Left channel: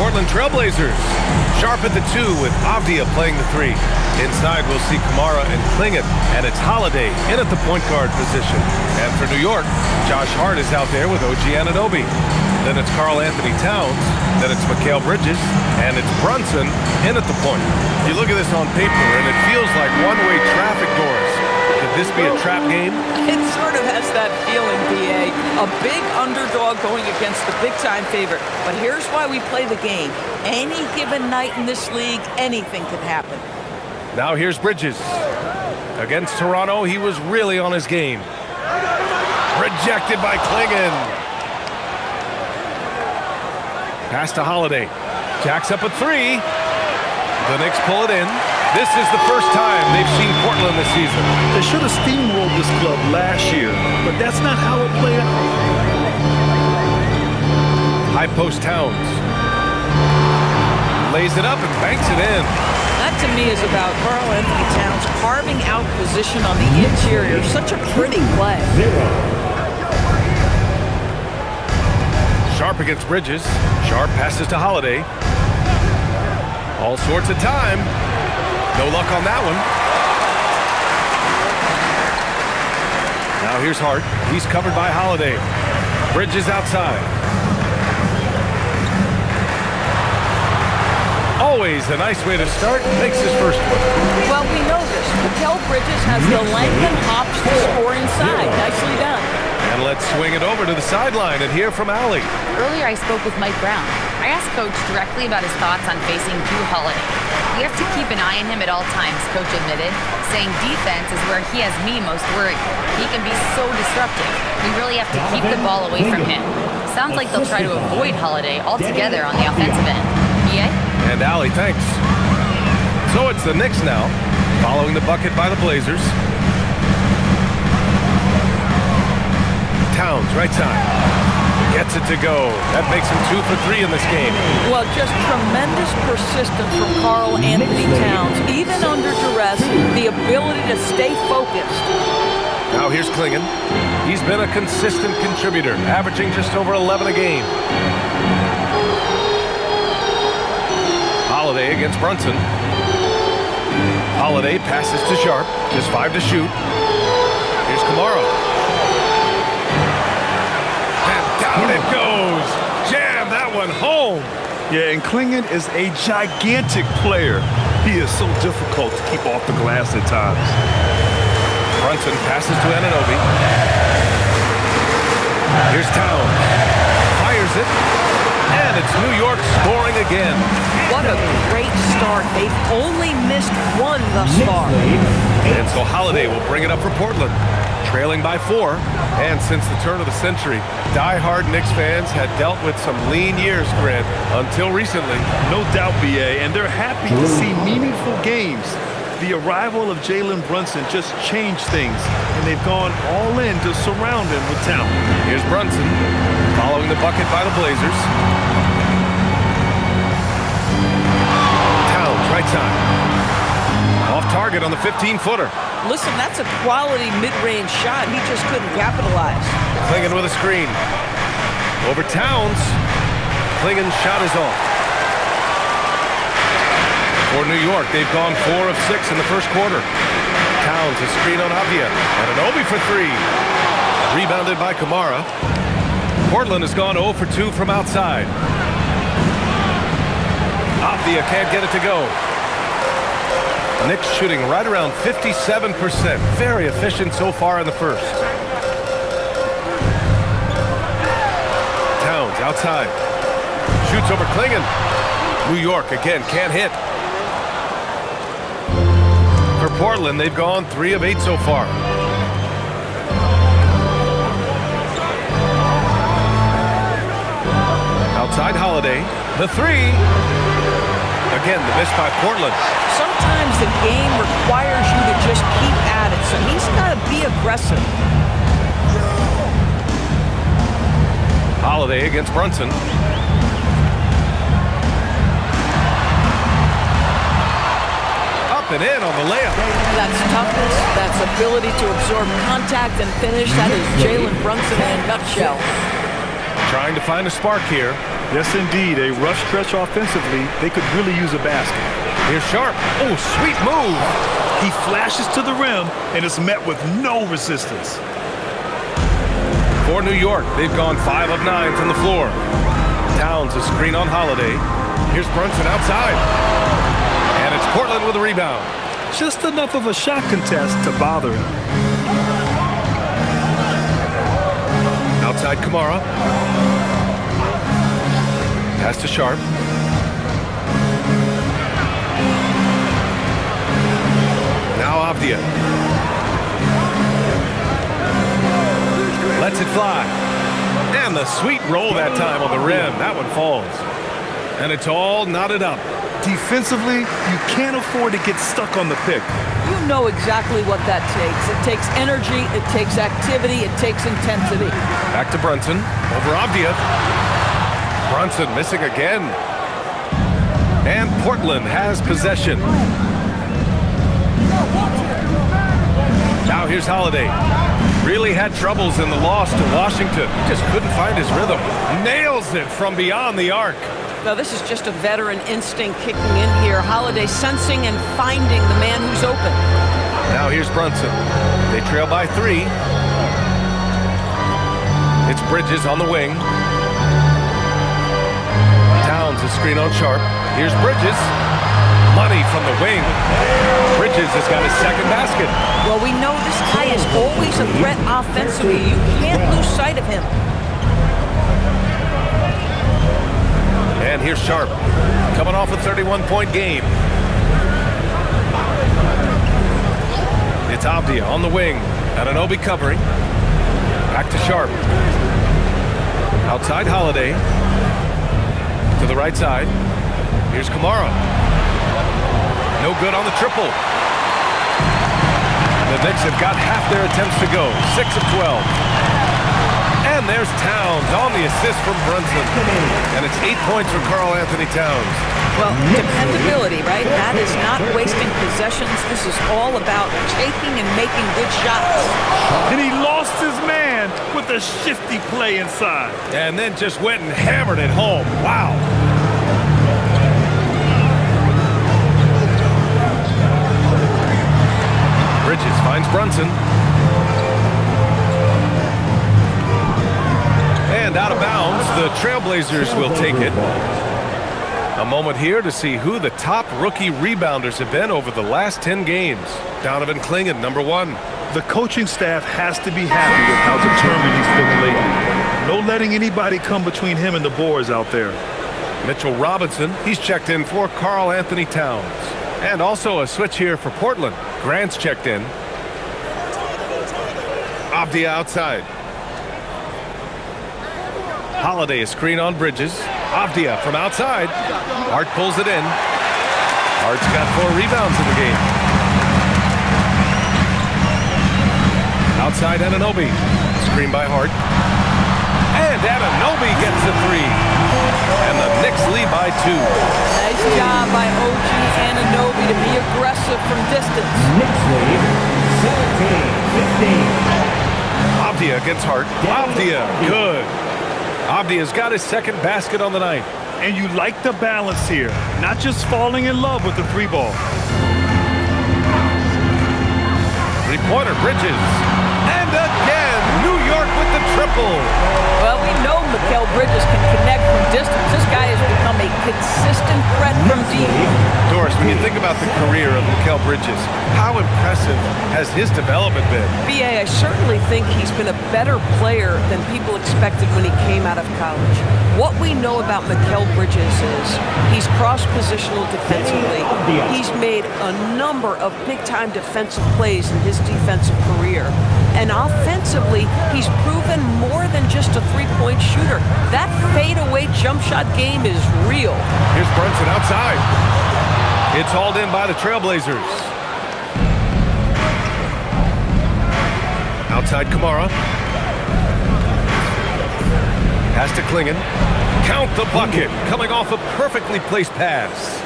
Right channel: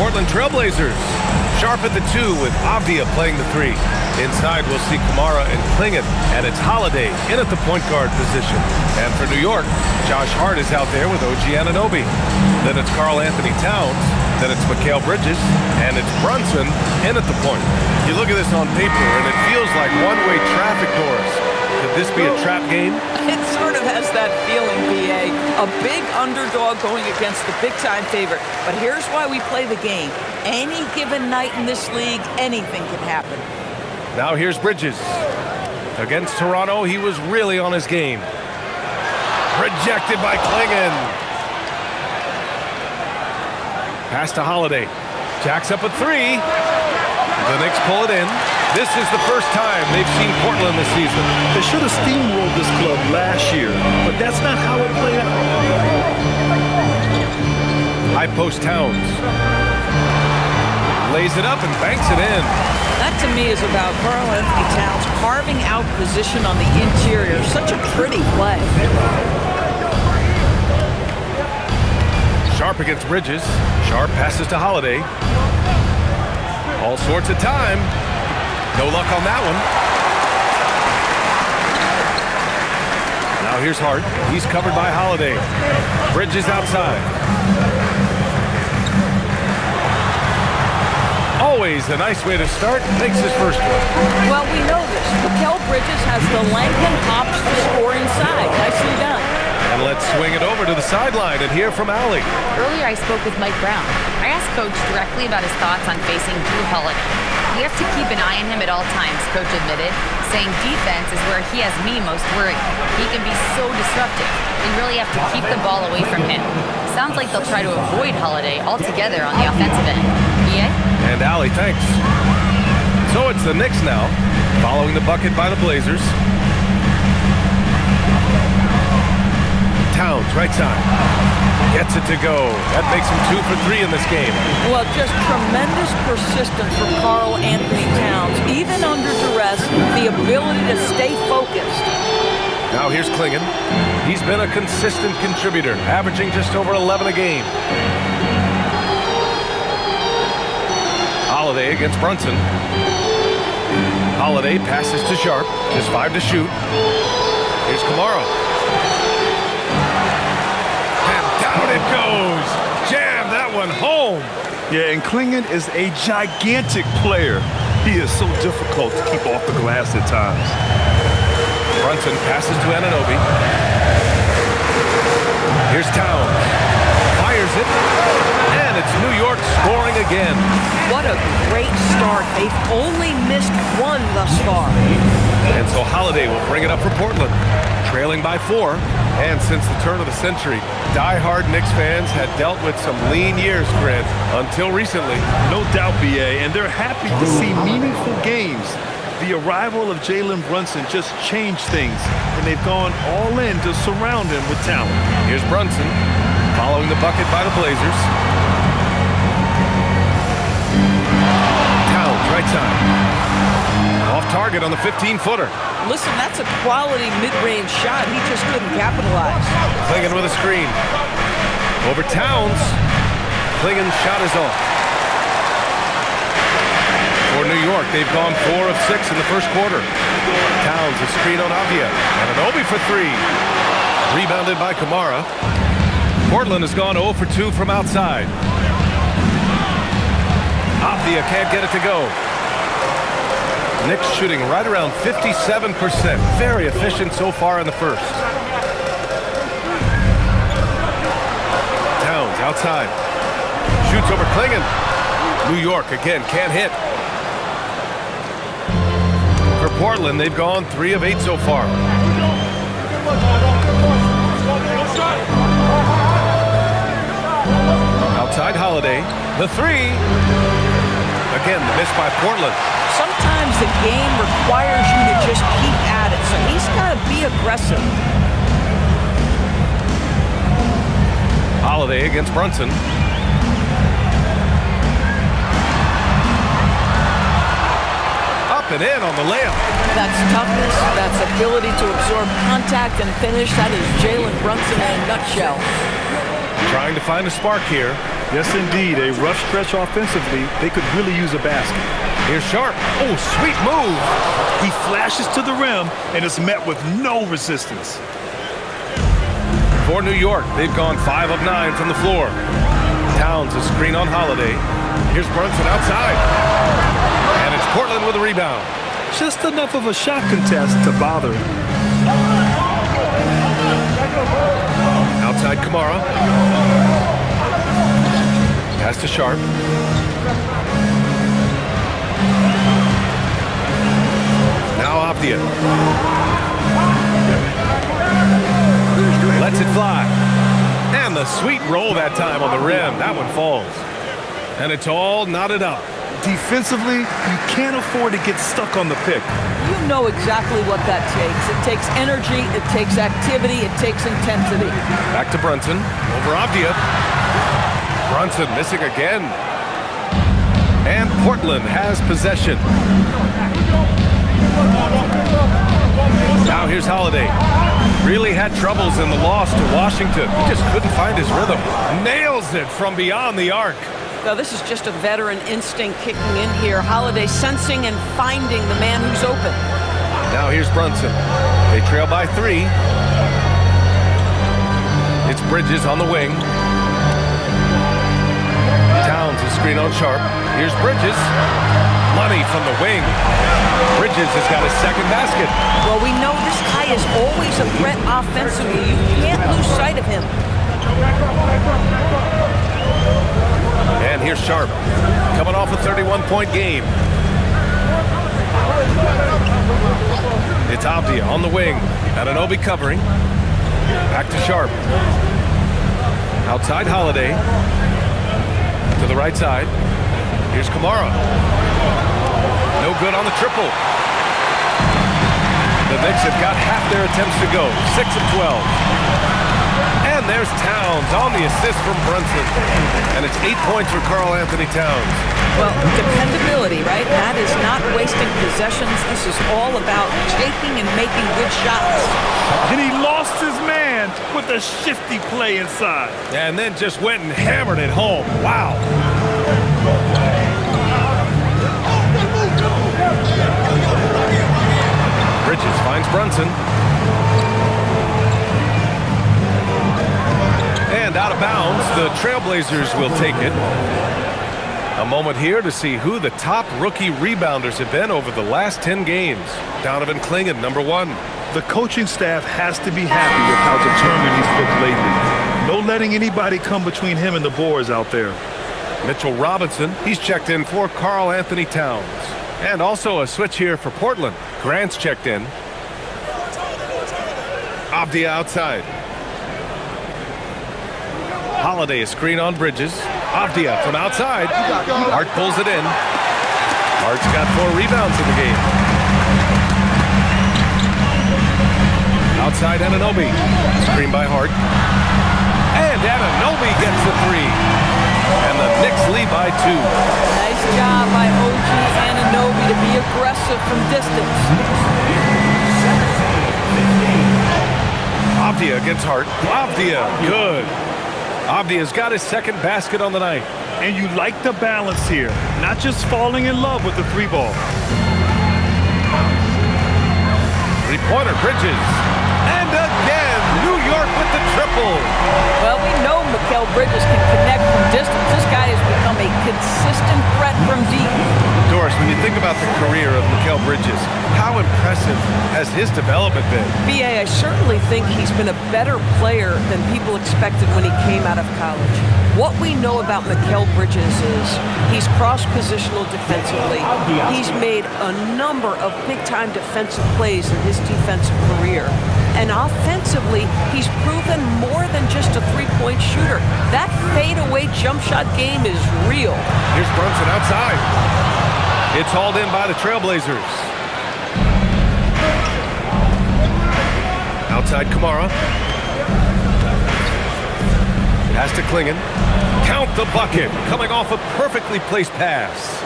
Portland Trailblazers. Sharp at the 2 with Avdia playing the 3. Inside, we'll see Kamara and Klingon, and it's Holiday in at the point guard position. And for New York, Josh Hart is out there with OG Anunoby. Then it's Karl Anthony Towns. Then it's Mikal Bridges, and it's Brunson in at the point. You look at this on paper, and it feels like one-way traffic, Doris. Could this be a trap game? It sort of has that feeling, B.A. A big underdog going against the big-time favorite. But here's why we play the game. Any given night in this league, anything can happen. Now here's Bridges. Against Toronto, he was really on his game. Rejected by Klingon. Pass to Holiday. Jacks up a 3. The Knicks pull it in. This is the first time they've seen Portland this season. They should have steamrolled this club last year, but that's not how it played out. High post Towns. Lays it up and banks it in. That, to me, is about Karl Anthony Towns carving out position on the interior. Such a pretty play. Sharp against Bridges. Sharp passes to Holiday. All sorts of time. No luck on that one. Now here's Hart. He's covered by Holiday. Bridges outside. Always a nice way to start. Makes his first one. Well, we know this. Mikal Bridges has the length and hops to score inside. Nicely done. And let's swing it over to the sideline and hear from Allie. Earlier, I spoke with Mike Brown. I asked Coach directly about his thoughts on facing Drew Holiday. We have to keep an eye on him at all times, Coach admitted, saying defense is where he has me most worried. He can be so disruptive. We really have to keep the ball away from him. Sounds like they'll try to avoid Holiday altogether on the offensive end. EA? And Allie, thanks. So it's the Knicks now, following the bucket by the Blazers. Towns, right side. Gets it to go. That makes him 2 for 3 in this game. Well, just tremendous persistence from Karl Anthony Towns. Even under duress, the ability to stay focused. Now here's Klingon. He's been a consistent contributor, averaging just over 11 a game. Holiday against Brunson. Holiday passes to Sharp. Just 5 to shoot. Here's Kamara. Down it goes. Jam that one home. Yeah, and Klingon is a gigantic player. He is so difficult to keep off the glass at times. Brunson passes to Anunoby. Here's Towns. Fires it. And it's New York scoring again. What a great start. They've only missed one thus far. And so Holiday will bring it up for Portland. Trailing by 4. And since the turn of the century, die-hard Knicks fans had dealt with some lean years, Grant, until recently. No doubt, B.A., and they're happy to see meaningful games. The arrival of Jalen Brunson just changed things, and they've gone all in to surround him with talent. Here's Brunson, following the bucket by the Blazers. Towns, right side. Off target on the 15-footer. Listen, that's a quality mid-range shot. He just couldn't capitalize. Klingon with a screen. Over Towns. Klingon's shot is off. For New York, they've gone 4 of 6 in the first quarter. Towns, a screen on Avdia. And Anunoby for 3. Rebounded by Kamara. Portland has gone 0 for 2 from outside. Avdia can't get it to go. Knicks shooting right around 57%. Very efficient so far in the first. Towns outside. Shoots over Klingon. New York again can't hit. For Portland, they've gone 3 of 8 so far. Outside Holiday. The 3. Again, the miss by Portland. Sometimes the game requires you to just keep at it, so he's got to be aggressive. Holiday against Brunson. Up and in on the layup. That's toughness, that's ability to absorb contact and finish. That is Jalen Brunson in a nutshell. Trying to find a spark here. Yes, indeed. A rough stretch offensively. They could really use a basket. Here's Sharp. Oh, sweet move. He flashes to the rim and is met with no resistance. For New York, they've gone 5 of 9 from the floor. Towns a screen on Holiday. Here's Brunson outside. And it's Portland with a rebound. Just enough of a shot contest to bother him. Outside Kamara. Pass to Sharp. Now Avdia. Lets it fly. And the sweet roll that time on the rim. That one falls. And it's all knotted up. Defensively, you can't afford to get stuck on the pick. You know exactly what that takes. It takes energy, it takes activity, it takes intensity. Back to Brunson. Over Avdia. Brunson missing again. And Portland has possession. Now here's Holiday. Really had troubles in the loss to Washington. He just couldn't find his rhythm. Nails it from beyond the arc. Now, this is just a veteran instinct kicking in here. Holiday sensing and finding the man who's open. Now here's Brunson. They trail by 3. It's Bridges on the wing. Towns a screen on Sharp. Here's Bridges. Money from the wing. Bridges has got his second basket. Well, we know this guy is always a threat offensively. You can't lose sight of him. And here's Sharp, coming off a 31-point game. It's Avdia on the wing. Anunoby covering. Back to Sharp. Outside Holiday. To the right side. Here's Kamara. No good on the triple. The Knicks have got half their attempts to go. 6 of 12. And there's Towns on the assist from Brunson. And it's 8 points for Karl Anthony Towns. Well, dependability, right? That is not wasting possessions. This is all about taking and making good shots. And he lost his man with a shifty play inside. And then just went and hammered it home. Wow. Bridges finds Brunson. And out of bounds, the Trailblazers will take it. A moment here to see who the top rookie rebounders have been over the last 10 games. Donovan Clingan, number 1. The coaching staff has to be happy with how determined he's looked lately. No letting anybody come between him and the boards out there. Mitchell Robinson, he's checked in for Karl Anthony Towns. And also a switch here for Portland. Grant's checked in. Avdia outside. Holiday a screen on Bridges. Avdia from outside. Hart pulls it in. Hart's got 4 rebounds in the game. Outside Anunoby. Screen by Hart. And Anunoby gets a 3. And the Knicks lead by 2. Nice job by OG Anunoby to be aggressive from distance. Knicks lead 17-15. Avdia against Hart. Avdia, good. Avdia's got his second basket on the night. And you like the balance here, not just falling in love with the 3-ball. 3-pointer, Bridges. And again, New York with the triple. Well, we know Mikal Bridges can connect from distance. This guy has become a consistent threat from deep. Doris, when you think about the career of Mikal Bridges, how impressive has his development been? B.A., I certainly think he's been a better player than people expected when he came out of college. What we know about Mikal Bridges is he's cross-positional defensively. He's made a number of big-time defensive plays in his defensive career. And offensively, he's proven more than just a 3-point shooter. That fadeaway jump shot game is real. Here's Brunson outside. It's hauled in by the Trailblazers. Outside Kamara. Pass to Clingan. Count the bucket. Coming off a perfectly placed pass.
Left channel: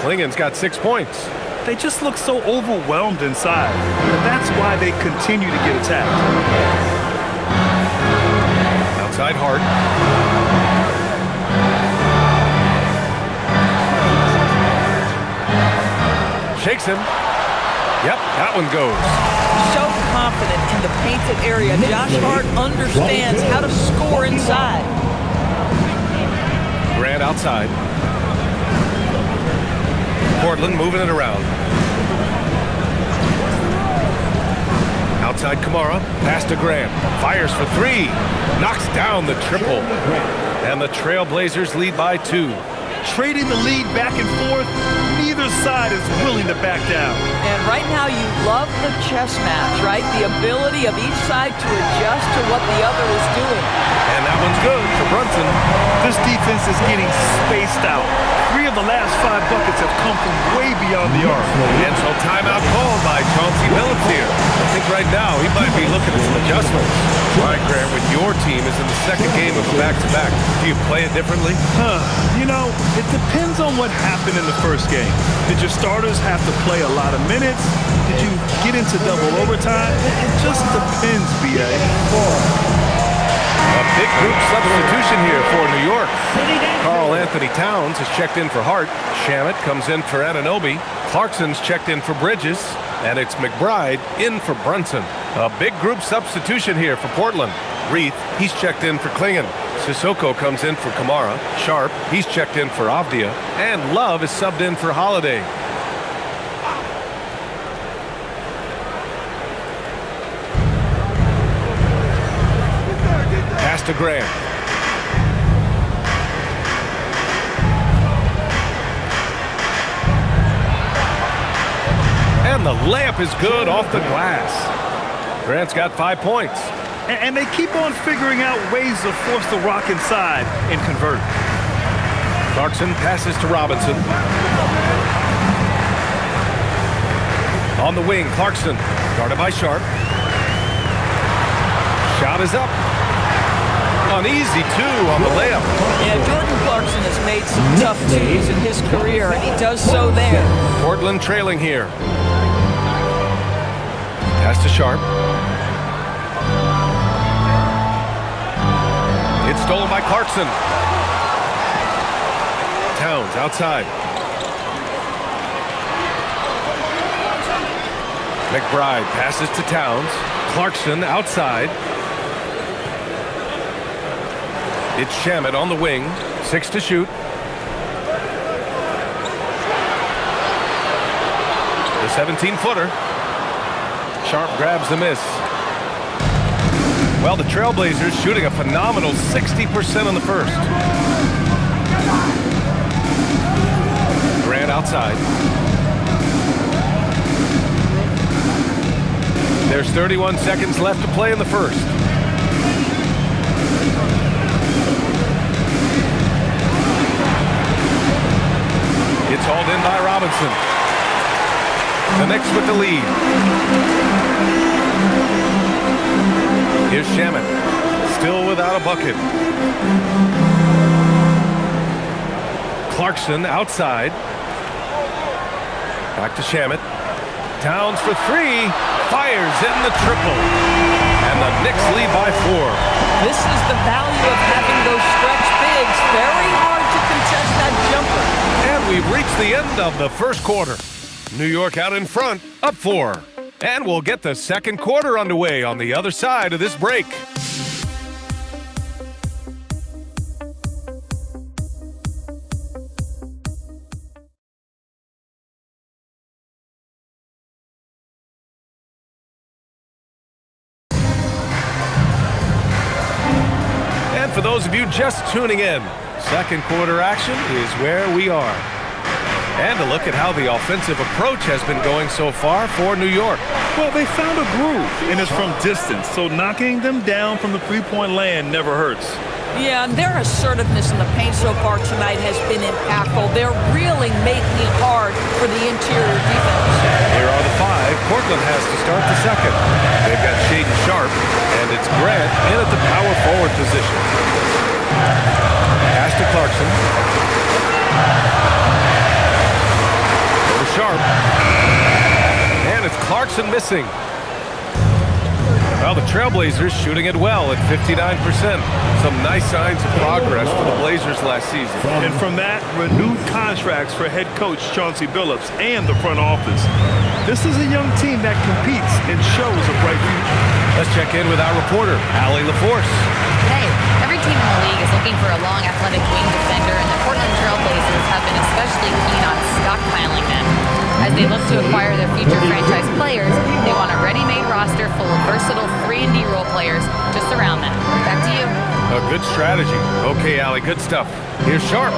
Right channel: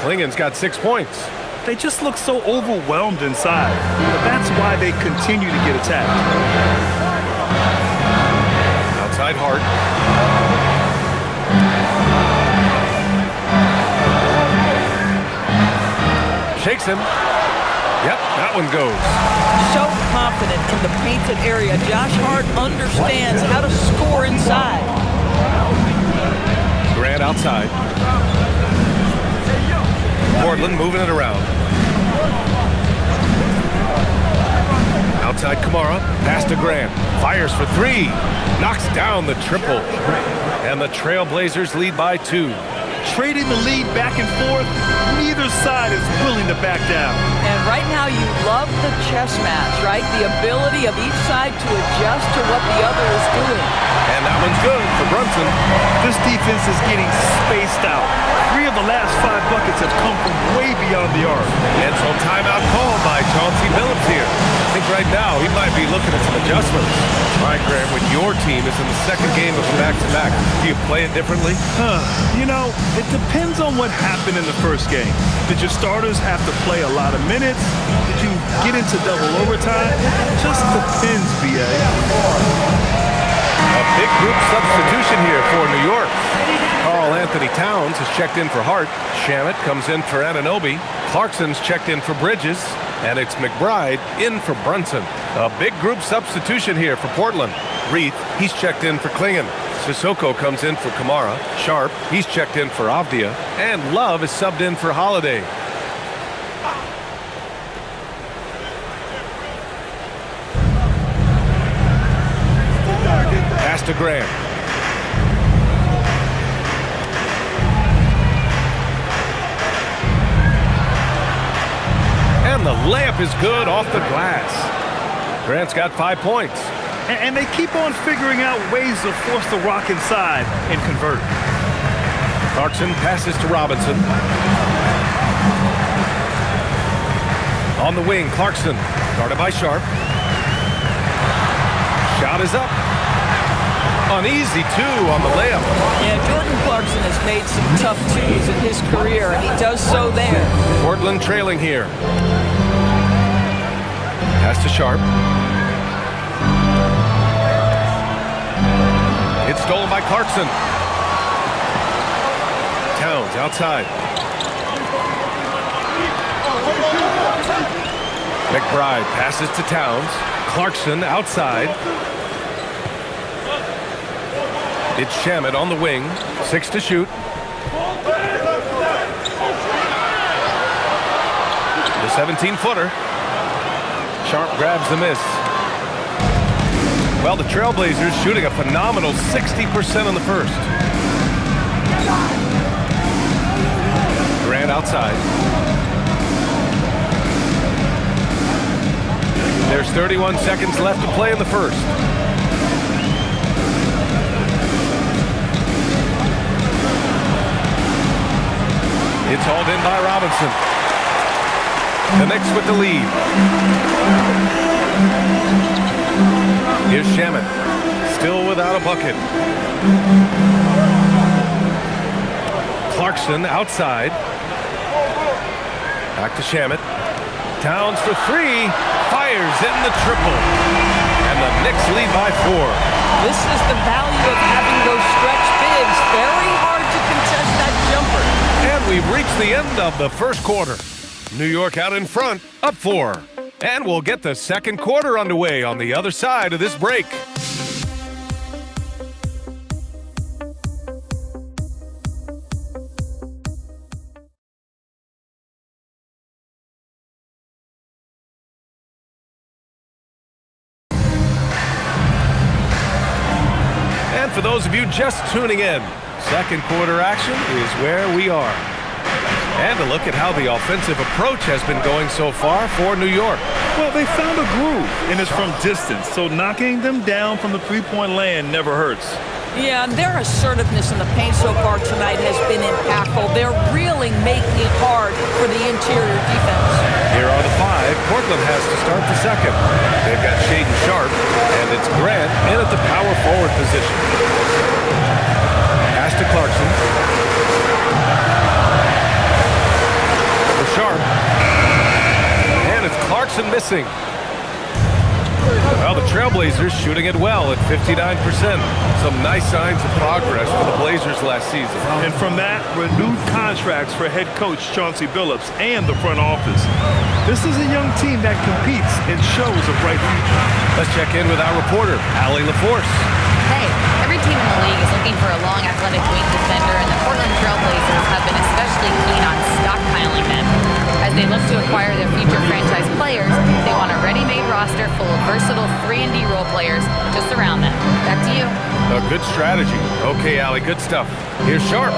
Klingan's got 6 points. They just look so overwhelmed inside. But that's why they continue to get attacked. Outside Hart. Shakes him. Yep, that one goes. So confident in the painted area. Josh Hart understands how to score inside. Grant outside. Portland moving it around. Outside Kamara, pass to Grant. Fires for three. Knocks down the triple. And the Trailblazers lead by 2. Trading the lead back and forth, neither side is willing to back down. And right now you love the chess match, right? The ability of each side to adjust to what the other is doing. And that one's good for Brunson. This defense is getting spaced out. 3 of the last 5 buckets have come from way beyond the arc. And so timeout called by Chauncey Billups here. I think right now he might be looking at some adjustments. All right, Grant, when your team is in the second game of a back-to-back, do you play it differently? You know, it depends on what happened in the first game. Did your starters have to play a lot of minutes? Did you get into double overtime? It just depends, B.A. A big group substitution here for New York. Karl Anthony Towns has checked in for Hart. Shamet comes in for Anunoby. Clarkson's checked in for Bridges. And it's McBride in for Brunson. A big group substitution here for Portland. Reith, he's checked in for Klingon. Sissoko comes in for Kamara. Sharp, he's checked in for Avdia. And Love is subbed in for Holiday. Pass to Grant. And the layup is good off the glass. Grant's got 5 points. And they keep on figuring out ways to force the rock inside and convert. Clarkson passes to Robinson. On the wing, Clarkson, guarded by Sharp. Shot is up. An easy 2 on the layup. Yeah, Jordan Clarkson has made some tough 2s in his career, and he does so there. Portland trailing here. Pass to Sharp. It's stolen by Clarkson. Towns outside. McBride passes to Towns. Clarkson outside. It's Shamet on the wing. 6 to shoot. The 17-footer. Sharp grabs the miss. Well, the Trailblazers shooting a phenomenal 60% in the first. Grant outside. There's 31 seconds left to play in the first. It's hauled in by Robinson. The Knicks with the lead. Here's Shamet, still without a bucket. Clarkson outside. Back to Shamet. Towns for 3. Fires in the triple. And the Knicks lead by 4. This is the value of having those stretch bigs. Very hard to contest that jumper. And we've reached the end of the first quarter. New York out in front, up 4. And we'll get the second quarter underway on the other side of this break. And for those of you just tuning in, second quarter action is where we are. And a look at how the offensive approach has been going so far for New York. Well, they found a groove, and it's from distance, so knocking them down from the three-point land never hurts. Yeah, and their assertiveness in the paint so far tonight has been impactful. They're really making it hard for the interior defense. Here are the 5 Portland has to start the second. They've got Shaedon Sharp, and it's Grant in at the power forward position. Pass to Clarkson. For Sharp. And it's Clarkson missing. Well, the Trailblazers shooting it well at 59%. Some nice signs of progress for the Blazers last season. And from that, renewed contracts for head coach Chauncey Billups and the front office. This is a young team that competes and shows a bright future. Let's check in with our reporter, Allie LaForce. Hey, every team in the league is looking for a long, athletic wing defender, and the Portland Trailblazers have been especially keen on stockpiling them. As they look to acquire their future franchise players, they want a ready-made roster full of versatile 3-and-D role players to surround them. Back to you. A good strategy. Okay, Allie, good stuff. Here's Sharp.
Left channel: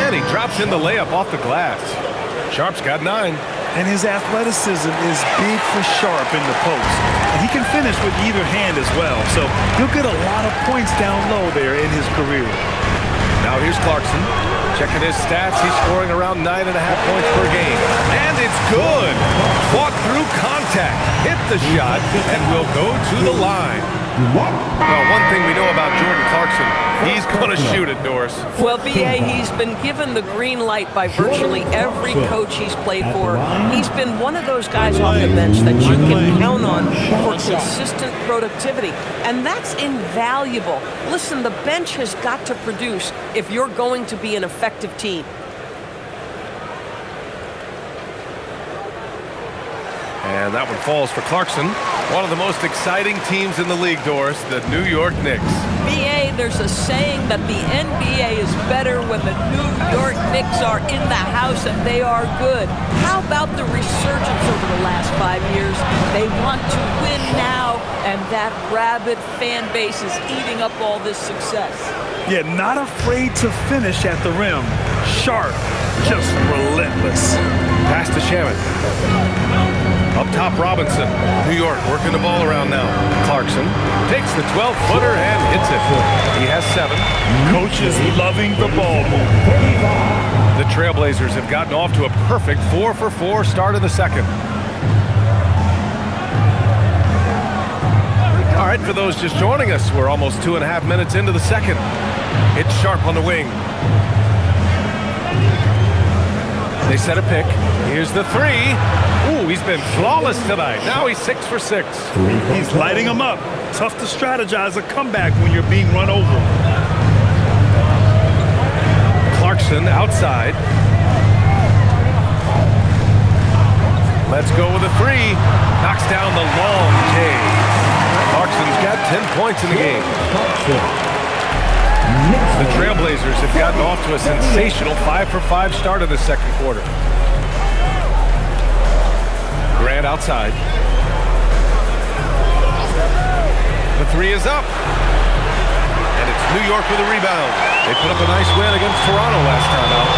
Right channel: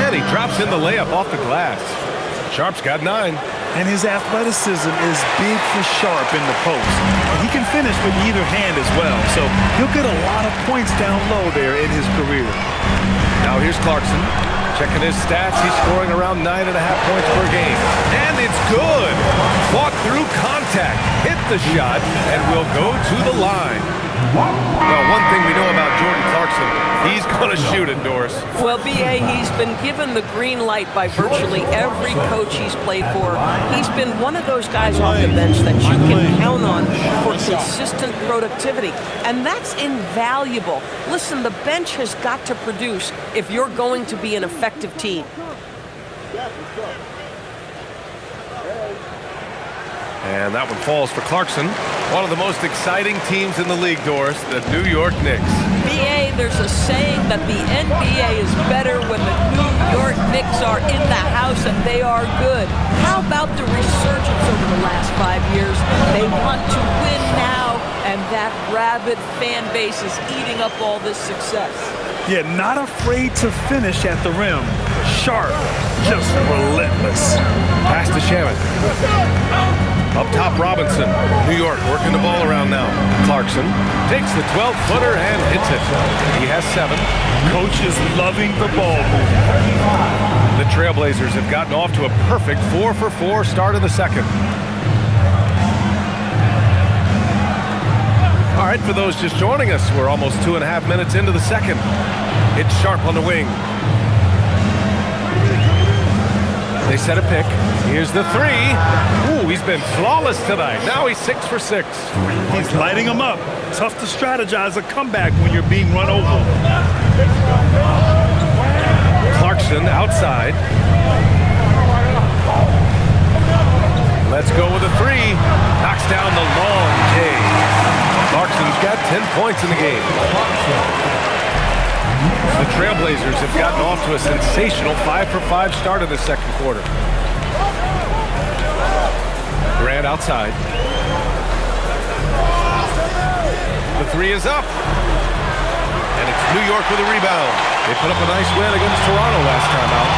And he drops in the layup off the glass. Sharp's got 9. And his athleticism is big for Sharp in the post. And he can finish with either hand as well. So he'll get a lot of points down low there in his career. Now here's Clarkson. Checking his stats, he's scoring around 9.5 points per game. And it's good. Fought through contact, hit the shot, and will go to the line. Well, one thing we know about Jordan Clarkson, he's going to shoot it, Doris. Well, B.A., he's been given the green light by virtually every coach he's played for. He's been one of those guys off the bench that you can count on for consistent productivity, and that's invaluable. Listen, the bench has got to produce if you're going to be an effective team. And that one falls for Clarkson. One of the most exciting teams in the league, Doris, the New York Knicks. B.A., there's a saying that the NBA is better when the New York Knicks are in the house and they are good. How about the resurgence over the last 5 years? They want to win now, and that rabid fan base is eating up all this success. Yeah, not afraid to finish at the rim. Sharp, just relentless. Pass to Shaman. Up top, Robinson. New York working the ball around now. Clarkson takes the 12-footer and hits it. He has 7. Coach is loving the ball movement. The Trailblazers have gotten off to a perfect 4-for-4 start in the second. All right, for those just joining us, we're almost 2.5 minutes into the second. It's Sharp on the wing. They set a pick. Here's the 3. Ooh, he's been flawless tonight. Now he's 6 for 6. He's lighting them up. Tough to strategize a comeback when you're being run over. Clarkson outside. Let's go with a 3. Knocks down the long J. Clarkson's got 10 points in the game. The Trailblazers have gotten off to a sensational 5-for-5 start in the second quarter. Grant outside. The 3 is up. And it's New York with a rebound. They put up a nice win against Toronto last time out.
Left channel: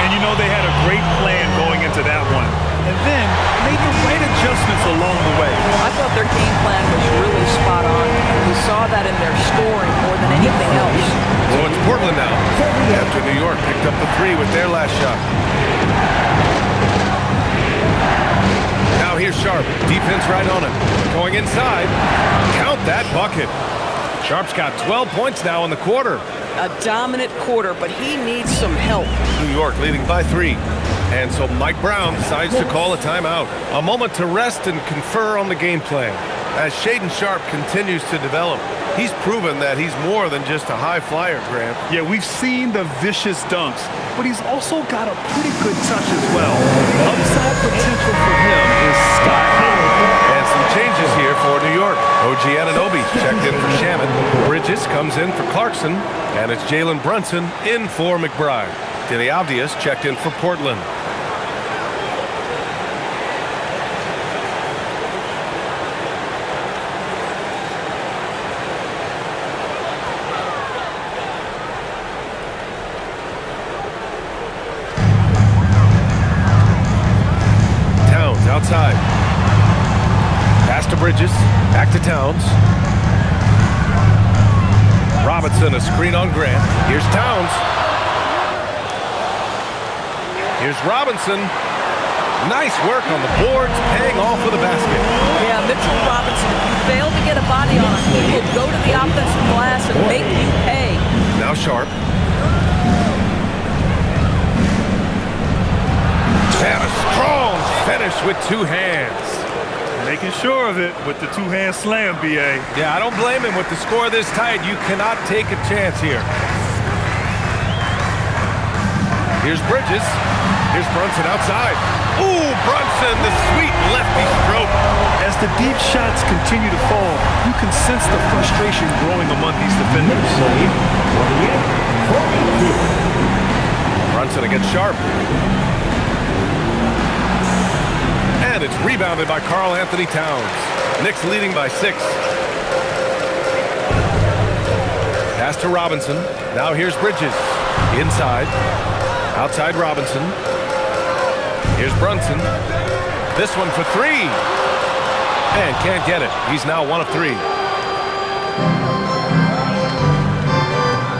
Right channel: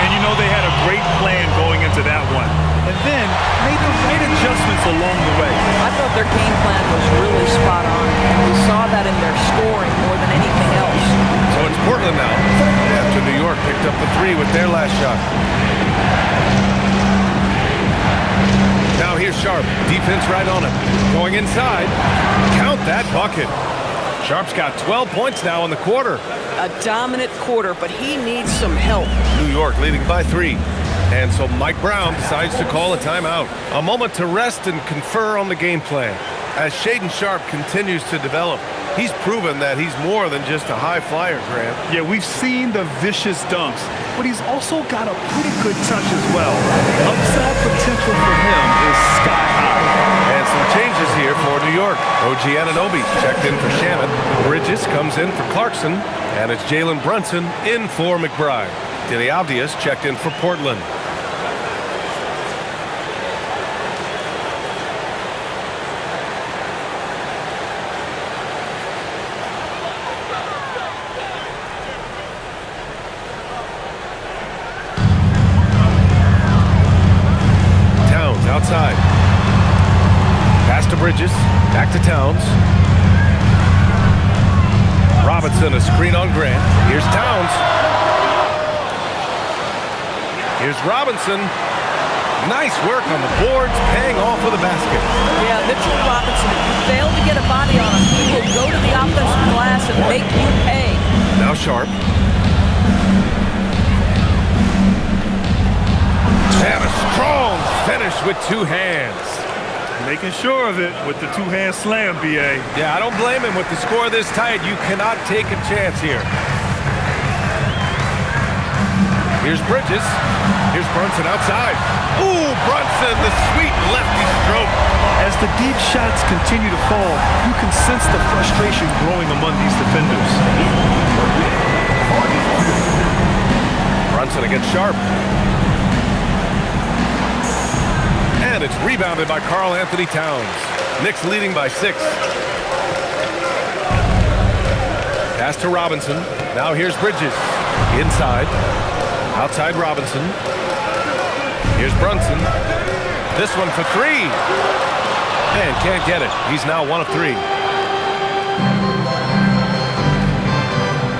And you know they had a great plan going into that one. And then made the right adjustments along the way. I thought their game plan was really spot on. We saw that in their scoring more than anything else. So it's Portland now, after New York picked up the 3 with their last shot. Now here's Sharp. Defense right on him. Going inside. Count that bucket. Sharp's got 12 points now in the quarter. A dominant quarter, but he needs some help. New York leading by 3. And so Mike Brown decides to call a timeout. A moment to rest and confer on the game plan. As Shaedon Sharp continues to develop, he's proven that he's more than just a high flyer, Grant. Yeah, we've seen the vicious dunks, but he's also got a pretty good touch as well. Upside potential for him is sky high. And some changes here for New York. OG Anunoby's checked in for Shamet. Bridges comes in for Clarkson. And it's Jalen Brunson in for McBride. Denny Avdius checked in for Portland. Towns outside. Pass to Bridges. Back to Towns. Robinson, a screen on Grant. Here's Towns. Here's Robinson. Nice work on the boards, paying off with a basket. Yeah, Mitchell Robinson, if you fail to get a body on him, he will go to the offensive glass and make you pay. Now Sharp. And a strong finish with 2 hands. Making sure of it with the two-hand slam, B.A. Yeah, I don't blame him. With the score this tight, you cannot take a chance here. Here's Bridges. Here's Brunson outside. Ooh, Brunson, the sweet lefty stroke. As the deep shots continue to fall, you can sense the frustration growing among these defenders. Brunson against Sharp. And it's rebounded by Karl Anthony Towns. Knicks leading by 6. Pass to Robinson. Now here's Bridges. Inside. Outside Robinson. Here's Brunson. This one for 3. And can't get it. He's now 1 of 3.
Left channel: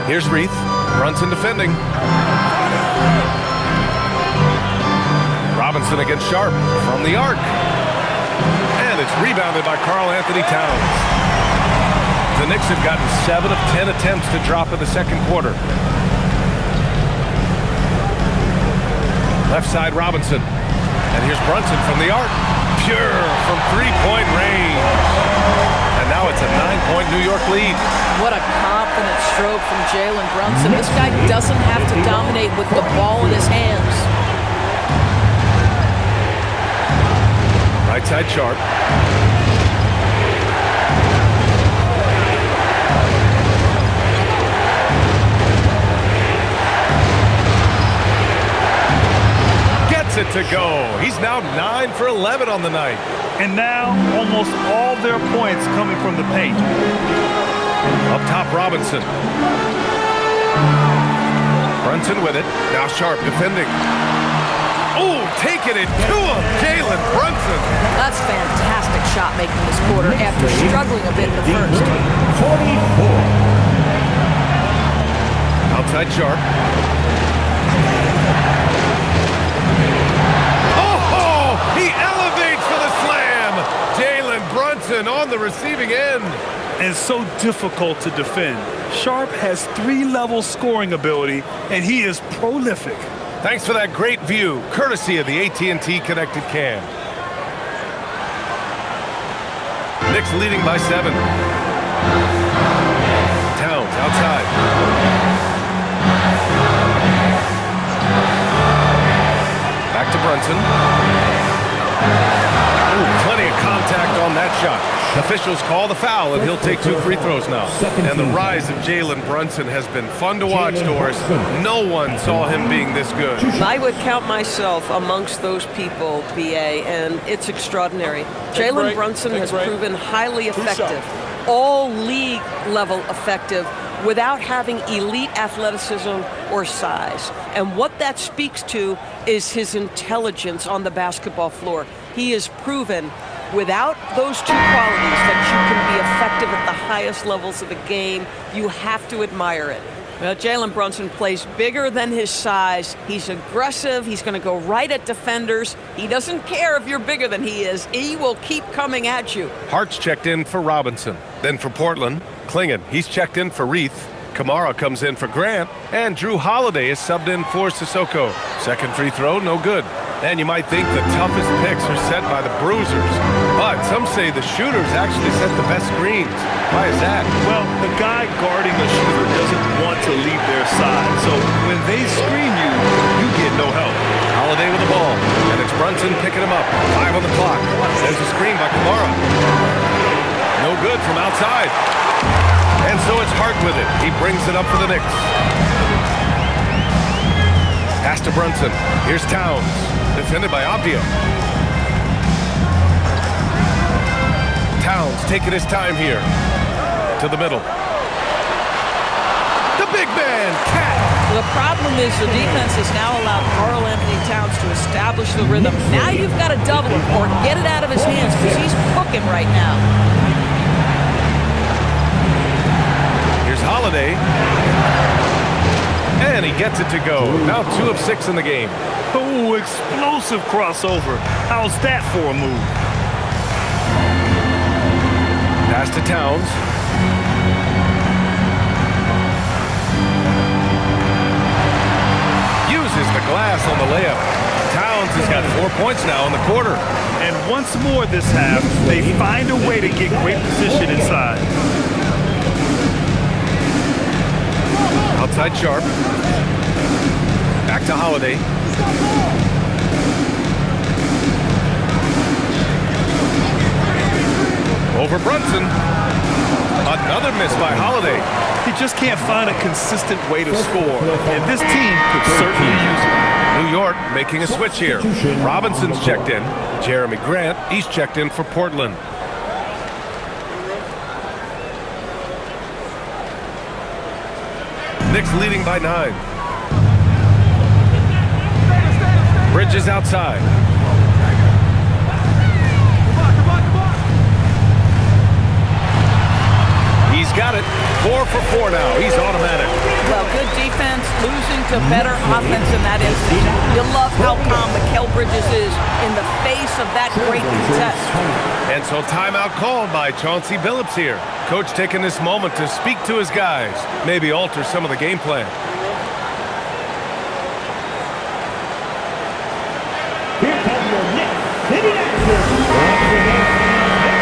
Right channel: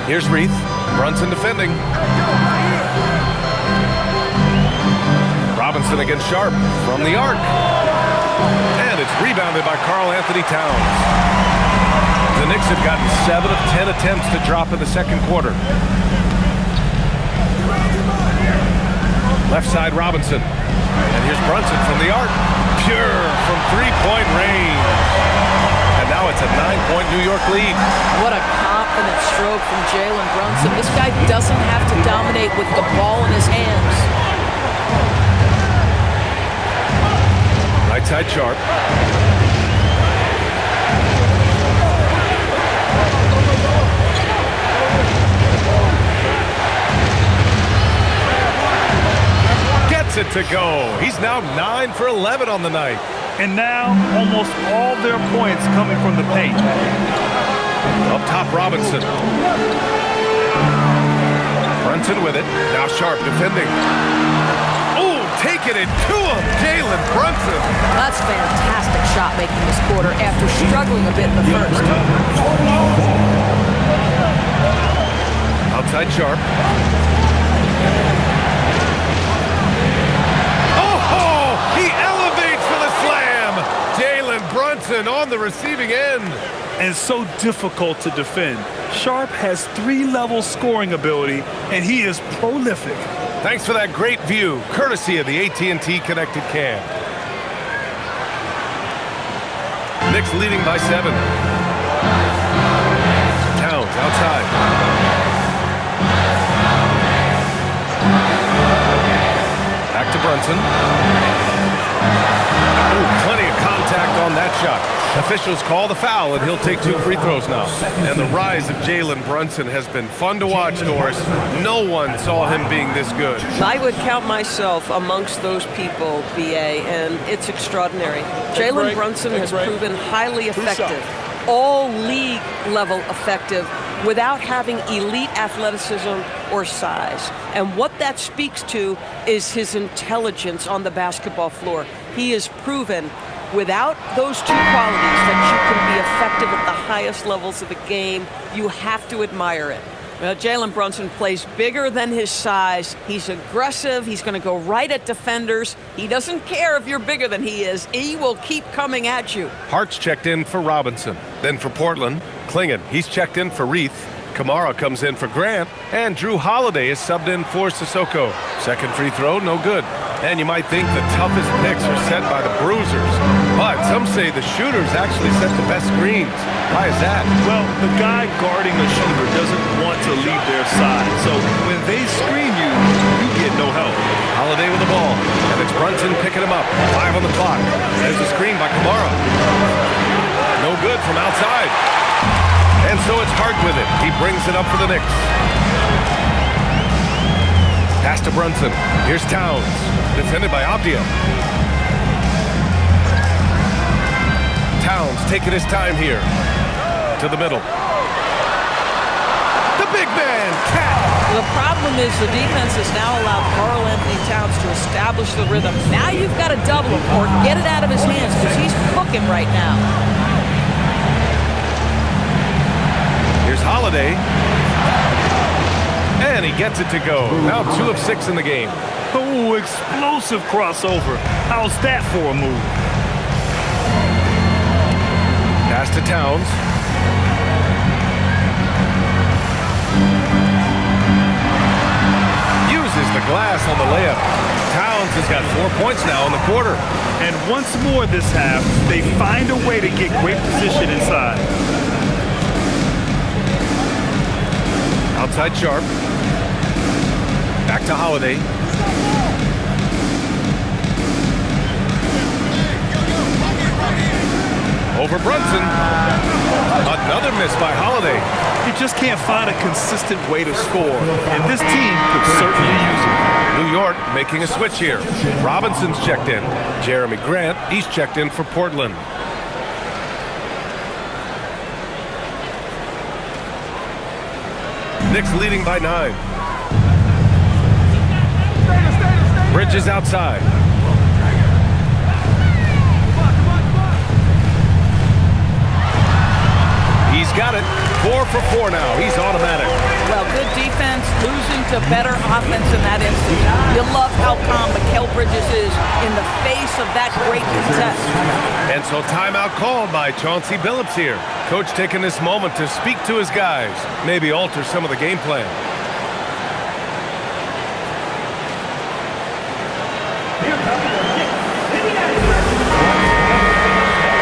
Here's Reith. Brunson defending. Robinson against Sharp from the arc. And it's rebounded by Karl Anthony Towns. The Knicks have gotten 7 of 10 attempts to drop in the second quarter. Left side Robinson. And here's Brunson from the arc. Pure from 3-point range. And now it's a 9-point New York lead. What a confident stroke from Jalen Brunson. This guy doesn't have to dominate with the ball in his hands. Right side Sharp. Gets it to go. He's now 9 for 11 on the night. And now almost all their points coming from the paint. Up top Robinson. Brunson with it. Now Sharp defending. Oh, taking it to him, Jalen Brunson. That's fantastic shot making this quarter after struggling a bit in the first. Outside Sharp. Oh, he elevates for the slam. Jalen Brunson on the receiving end. And so difficult to defend. Sharp has 3-level scoring ability, and he is prolific. Thanks for that great view, courtesy of the AT&T Connected Cam. Knicks leading by 7. Towns outside. Back to Brunson. Ooh, plenty of contact on that shot. Officials call the foul, and he'll take 2 free throws now. And the rise of Jalen Brunson has been fun to watch, Doris. No one saw him being this good. I would count myself amongst those people, B.A., and it's extraordinary. Jalen Brunson has proven highly effective, all league level effective, without having elite athleticism or size. And what that speaks to is his intelligence on the basketball floor. He has proven without those 2 qualities that you can be effective at the highest levels of the game. You have to admire it. Well, Jalen Brunson plays bigger than his size. He's aggressive. He's going to go right at defenders. He doesn't care if you're bigger than he is. He will keep coming at you. Hart's checked in for Robinson. Then for Portland, Klingon. He's checked in for Reith. Kamara comes in for Grant. And Drew Holiday is subbed in for Sissoko. Second free throw, no good. And you might think the toughest picks are set by the bruisers. But some say the shooters actually set the best screens. Why is that? Well, the guy guarding a shooter doesn't want to leave their side. So when they screen you, you get no help. Holiday with the ball. And it's Brunson picking him up. 5 on the clock. There's a screen by Kamara. No good from outside. And so it's Hart with it. He brings it up for the Knicks. Pass to Brunson. Here's Towns. Defended by Avdia. Towns taking his time here. To the middle. The big man, Cat. The problem is the defense has now allowed Karl Anthony Towns to establish the rhythm. Now you've got to double him or get it out of his hands because he's cooking right now. Here's Holiday. And he gets it to go. Now 2 of 6 in the game. Oh, explosive crossover. How's that for a move? Pass to Towns. Uses the glass on the layup. Towns has got 4 points now in the quarter. And once more this half, they find a way to get great position inside. Outside Sharp. Back to Holiday. Over Brunson. Another miss by Holiday. He just can't find a consistent way to score, and this team could certainly use it. New York making a switch here. Robinson's checked in. Jeremy Grant, he's checked in for Portland. Knicks leading by 9. Bridges outside. He's got it. 4 for 4 now. He's automatic. Well, good defense, losing to better offense in that instance. You love how calm Mikal Bridges is in the face of that great contest. And so timeout called by Chauncey Billups here. Coach taking this moment to speak to his guys, maybe alter some of the game plan.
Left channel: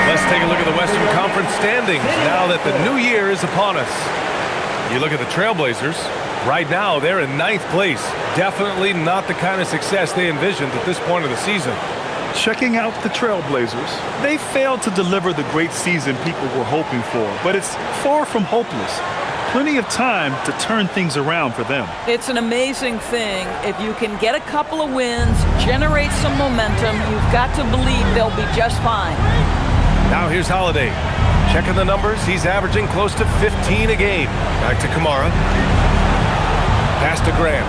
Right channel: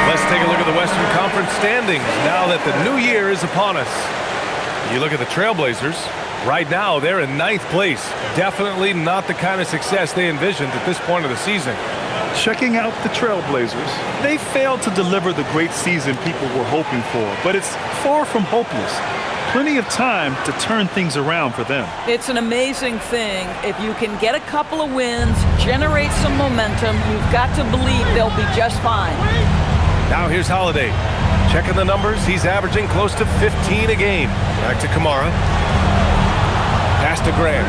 Let's take a look at the Western Conference standings now that the new year is upon us. You look at the Trailblazers. Right now, they're in 9th place. Definitely not the kind of success they envisioned at this point of the season. Checking out the Trailblazers, they failed to deliver the great season people were hoping for, but it's far from hopeless. Plenty of time to turn things around for them. It's an amazing thing. If you can get a couple of wins, generate some momentum, you've got to believe they'll be just fine. Now here's Holiday. Checking the numbers, he's averaging close to 15 a game. Back to Kamara. Pass to Grant.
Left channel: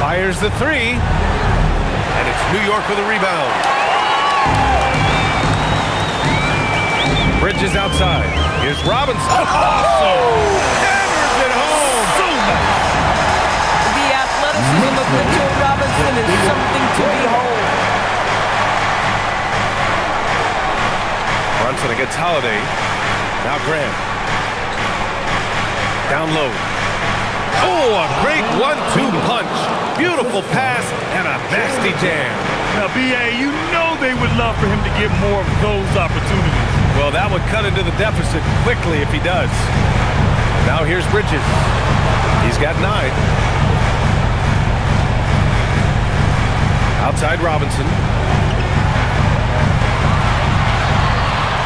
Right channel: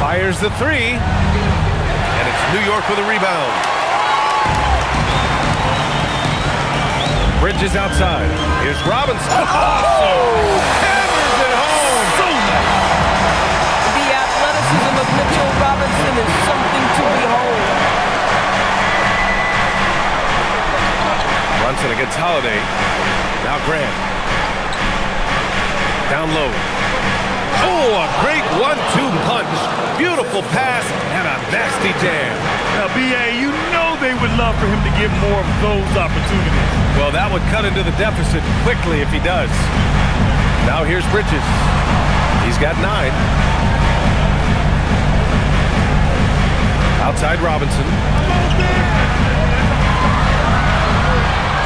Fires the 3. And it's New York with a rebound. Bridges outside. Here's Robinson. Oh! Hammers it home. So nice. The athleticism of Mitchell Robinson is something to behold. Brunson against Holiday. Now Grant. Down low. Oh, a great 1-2 punch. Beautiful pass and a nasty jam. Now, B.A., you know they would love for him to get more of those opportunities. Well, that would cut into the deficit quickly if he does. Now here's Bridges. He's got 9. Outside Robinson.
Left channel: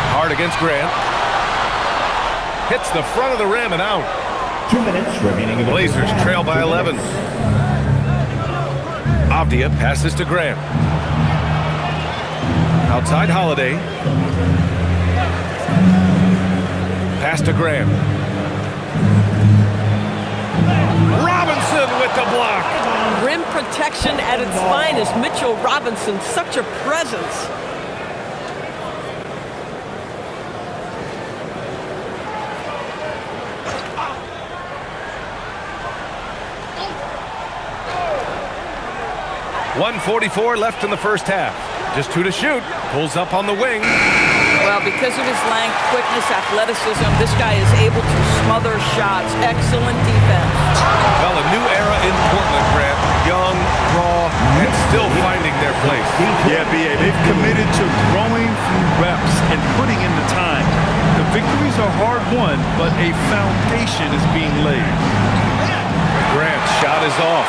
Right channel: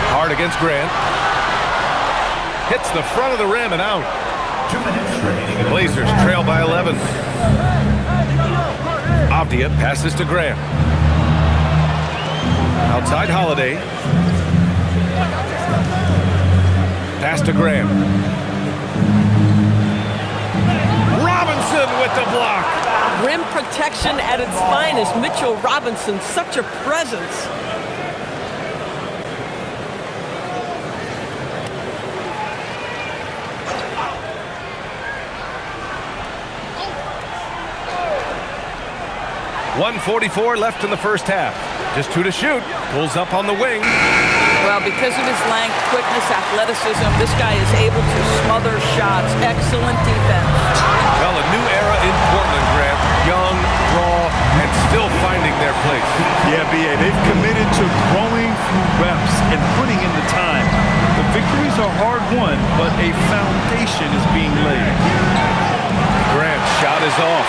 Hard against Grant. Hits the front of the rim and out. 2 minutes remaining in the Blazers trail by 11. Avdia passes to Grant. Outside Holiday. Pass to Grant. Robinson with the block. Rim protection at its finest. Mitchell Robinson, such a presence. .144 left in the first half. Just 2 to shoot. Pulls up on the wing. Well, because of his length, quickness, athleticism, this guy is able to smother shots. Excellent defense. Well, a new era in Portland, Grant. Young, raw, and still finding their place. Yeah, B.A., they've committed to growing through reps and putting in the time. The victories are hard-won, but a foundation is being laid. Grant's shot is off.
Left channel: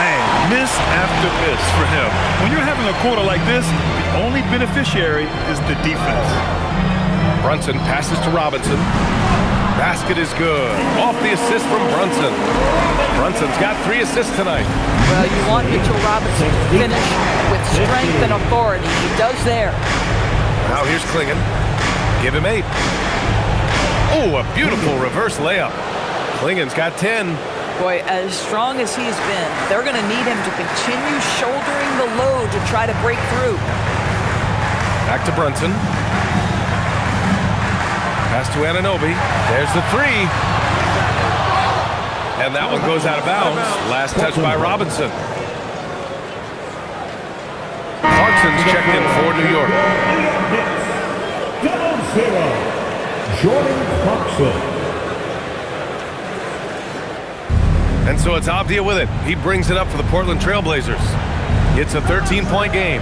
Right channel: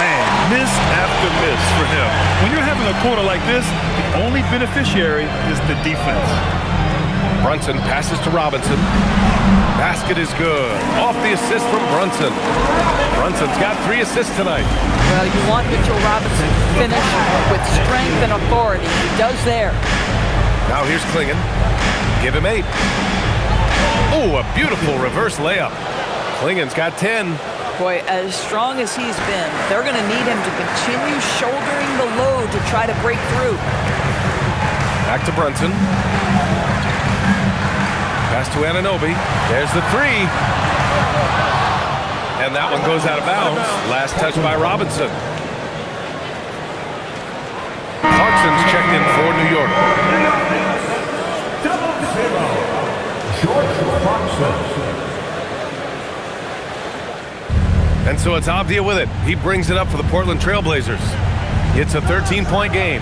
Man, miss after miss for him. When you're having a quarter like this, the only beneficiary is the defense. Brunson passes to Robinson. Basket is good. Off the assist from Brunson. Brunson's got 3 assists tonight. Well, you want Mitchell Robinson to finish with strength and authority. He does there. Now here's Klingon. Give him 8. Oh, a beautiful reverse layup. Klingon's got 10. Boy, as strong as he's been, they're going to need him to continue shouldering the load to try to break through. Back to Brunson. Pass to Anunoby. There's the 3. And that one goes out of bounds. Last touch by Robinson. Clarkson's checked in for New York. .0 Jordan Clarkson. And so it's Avdia with it. He brings it up for the Portland Trailblazers. It's a 13-point game.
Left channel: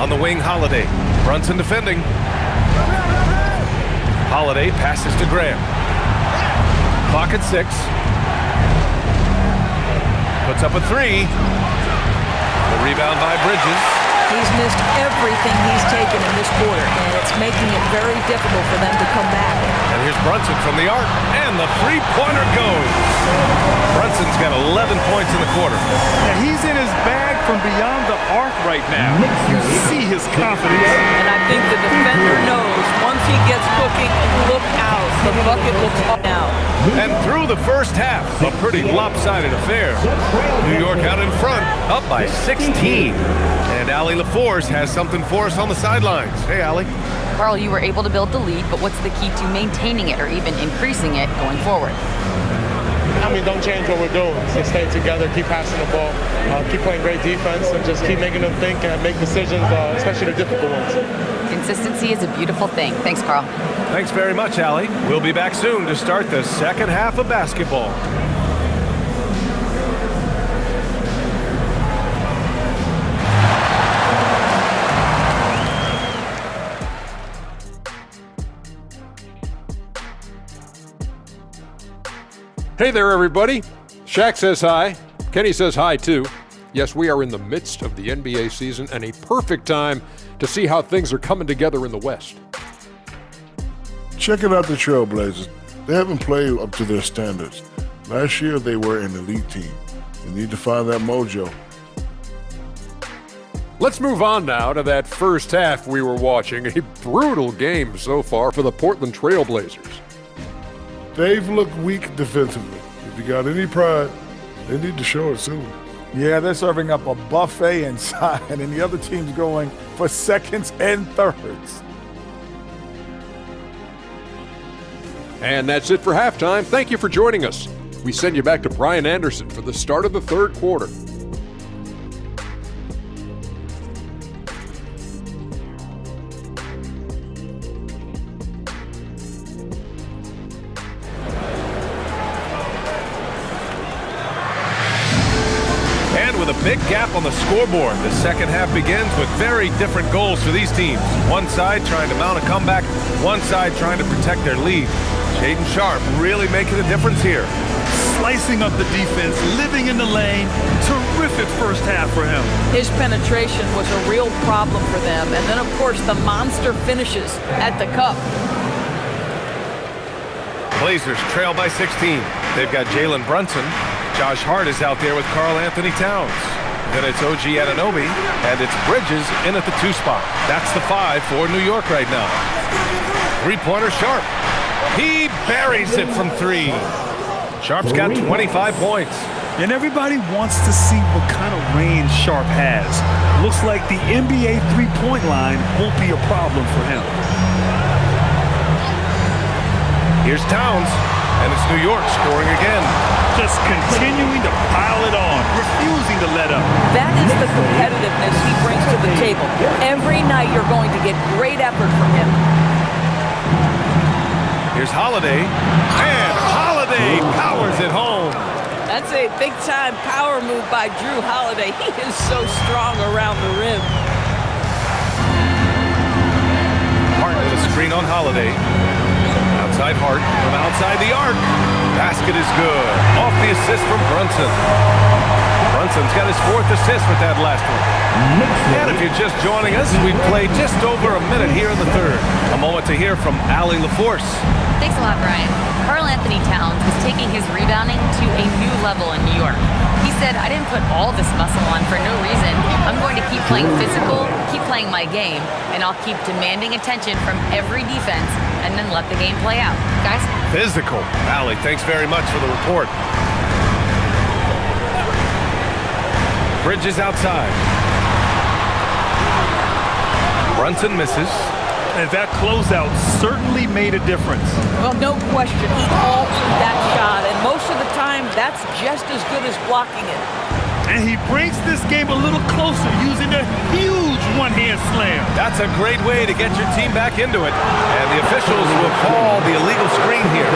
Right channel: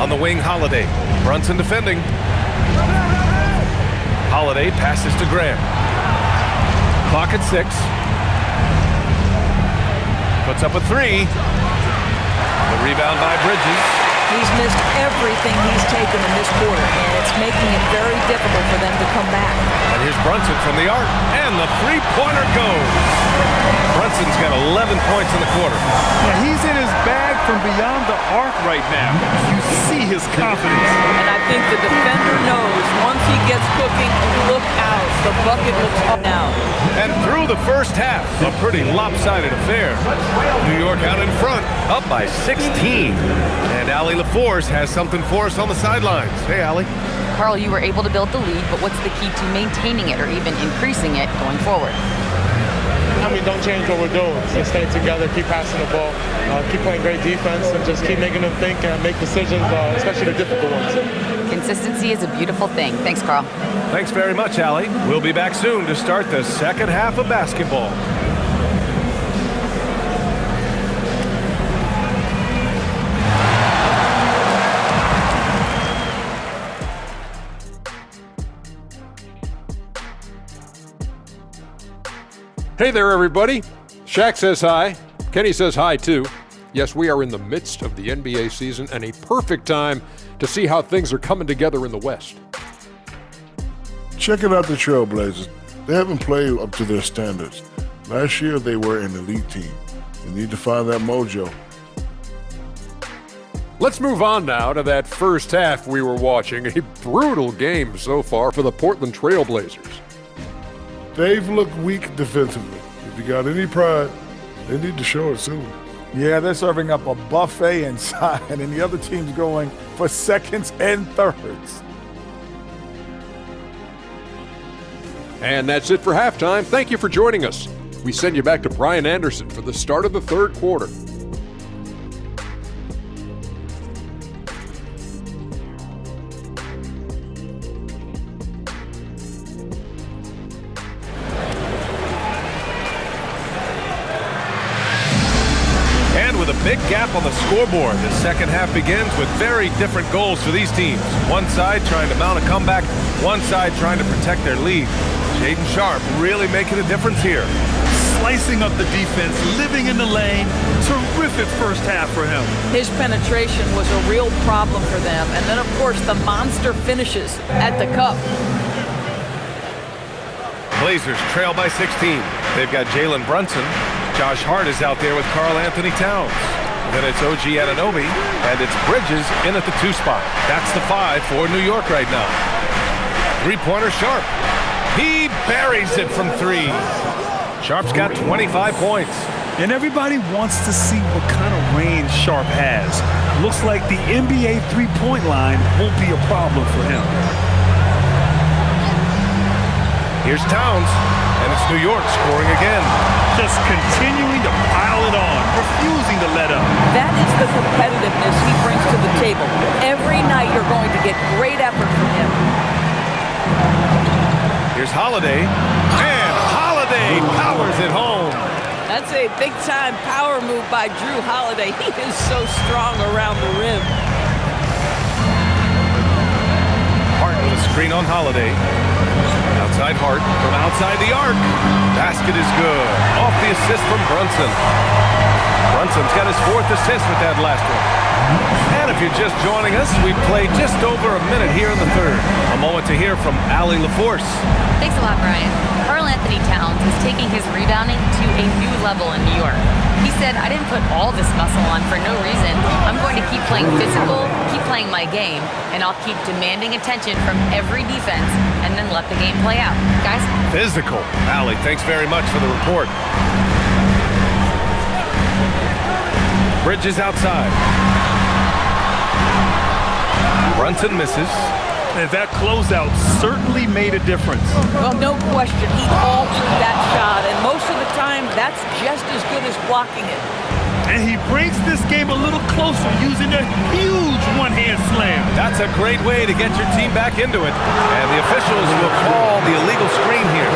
On the wing, Holiday. Brunson defending. Holiday passes to Graham. Clock at 6. Puts up a 3. The rebound by Bridges. He's missed everything he's taken in this quarter, and it's making it very difficult for them to come back. And here's Brunson from the arc, and the three-pointer goes. Brunson's got 11 points in the quarter. Yeah, he's in his bag from beyond the arc right now. You see his confidence. And I think the defender knows once he gets cooking, look out. The bucket looks up now. And through the first half, a pretty lopsided affair. New York out in front, up by 16. And Allie LaForce has something for us on the sidelines. Hey, Allie. Carl, you were able to build the lead, but what's the key to maintaining it or even increasing it going forward? I mean, don't change what we're doing. Just stay together, keep passing the ball, keep playing great defense, and just keep making them think and make decisions, especially the difficult ones. Consistency is a beautiful thing. Thanks, Carl. Thanks very much, Allie. We'll be back soon to start the second half of basketball. Hey there, everybody. Shaq says hi. Kenny says hi, too. Yes, we are in the midst of the NBA season and a perfect time to see how things are coming together in the West. Checking out the Trailblazers. They haven't played up to their standards. Last year, they were an elite team. They need to find that mojo. Let's move on now to that first half we were watching. A brutal game so far for the Portland Trailblazers. They've looked weak defensively. If you got any pride, they need to show it soon. Yeah, they're serving up a buffet inside, and the other team's going for seconds and thirds. And that's it for halftime. Thank you for joining us. We send you back to Brian Anderson for the start of the third quarter. And with a big gap on the scoreboard, the second half begins with very different goals for these teams. One side trying to mount a comeback, one side trying to protect their lead. Shaedon Sharpe really making a difference here. Slicing up the defense, living in the lane. Terrific first half for him. His penetration was a real problem for them. And then, of course, the monster finishes at the cup. Blazers trail by 16. They've got Jalen Brunson. Josh Hart is out there with Karl Anthony Towns. Then it's OG Anunoby, and it's Bridges in at the 2 spot. That's the 5 for New York right now. Three-pointer Sharpe. He buries it from 3. Sharpe's got 25 points. And everybody wants to see what kind of range Sharpe has. Looks like the NBA three-point line won't be a problem for him. Here's Towns, and it's New York scoring again. Just continuing to pile it on, refusing to let up. That is the competitiveness he brings to the table. Every night you're going to get great effort from him. Here's Holiday, and Holiday powers it home. That's a big-time power move by Drew Holiday. He is so strong around the rim. Hart with a screen on Holiday. Outside Hart from outside the arc. Basket is good. Off the assist from Brunson. Brunson's got his 4th assist with that last one. And if you're just joining us, we've played just over a minute here in the third. A moment to hear from Allie LaForce. Thanks a lot, Brian. Karl Anthony Towns is taking his rebounding to a new level in New York. He said, I didn't put all this muscle on for no reason. I'm going to keep playing physical, keep playing my game, and I'll keep demanding attention from every defense and then let the game play out. Guys? Physical. Allie, thanks very much for the report. Bridges outside. Brunson misses. And that closeout certainly made a difference. Well, no question. He altered that shot, and most of the time, that's just as good as blocking it. And he brings this game a little closer using a huge one-hand slam. That's a great way to get your team back into it. And the officials will call the illegal screen here.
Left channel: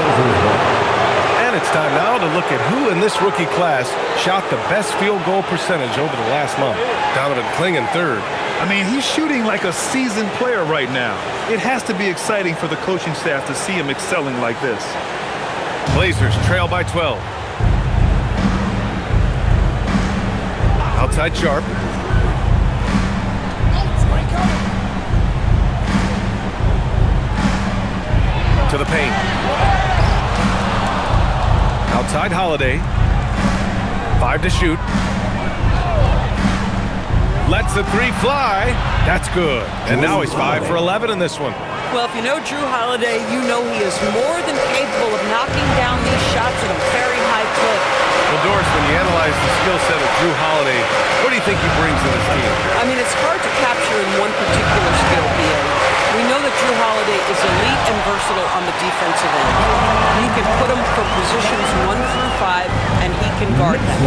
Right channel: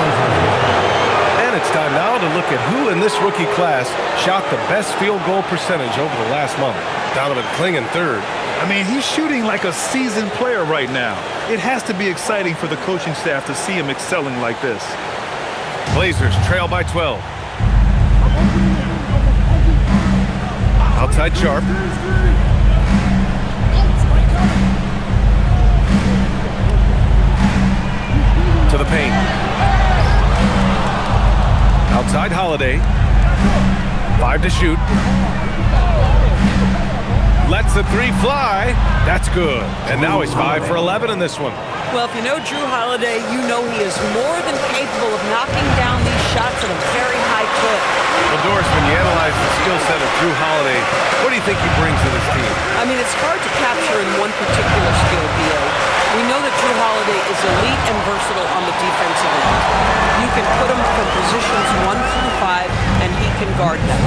And it's time now to look at who in this rookie class shot the best field goal percentage over the last month. Donovan Clingan 3rd. I mean, he's shooting like a seasoned player right now. It has to be exciting for the coaching staff to see him excelling like this. Blazers trail by 12. Outside Sharp. To the paint. Outside Holiday. 5 to shoot. Lets the 3 fly. That's good. And now he's 5 for 11 in this one. Well, if you know Drew Holiday, you know he is more than capable of knocking down these shots at a very high clip. Well, Doris, when you analyze the skill set of Drew Holiday, what do you think he brings to this team? I mean, it's hard to capture in one particular skill, BA. We know that Drew Holiday is elite and versatile on the defensive end. You can put him from positions 1 through 5, and he can guard them.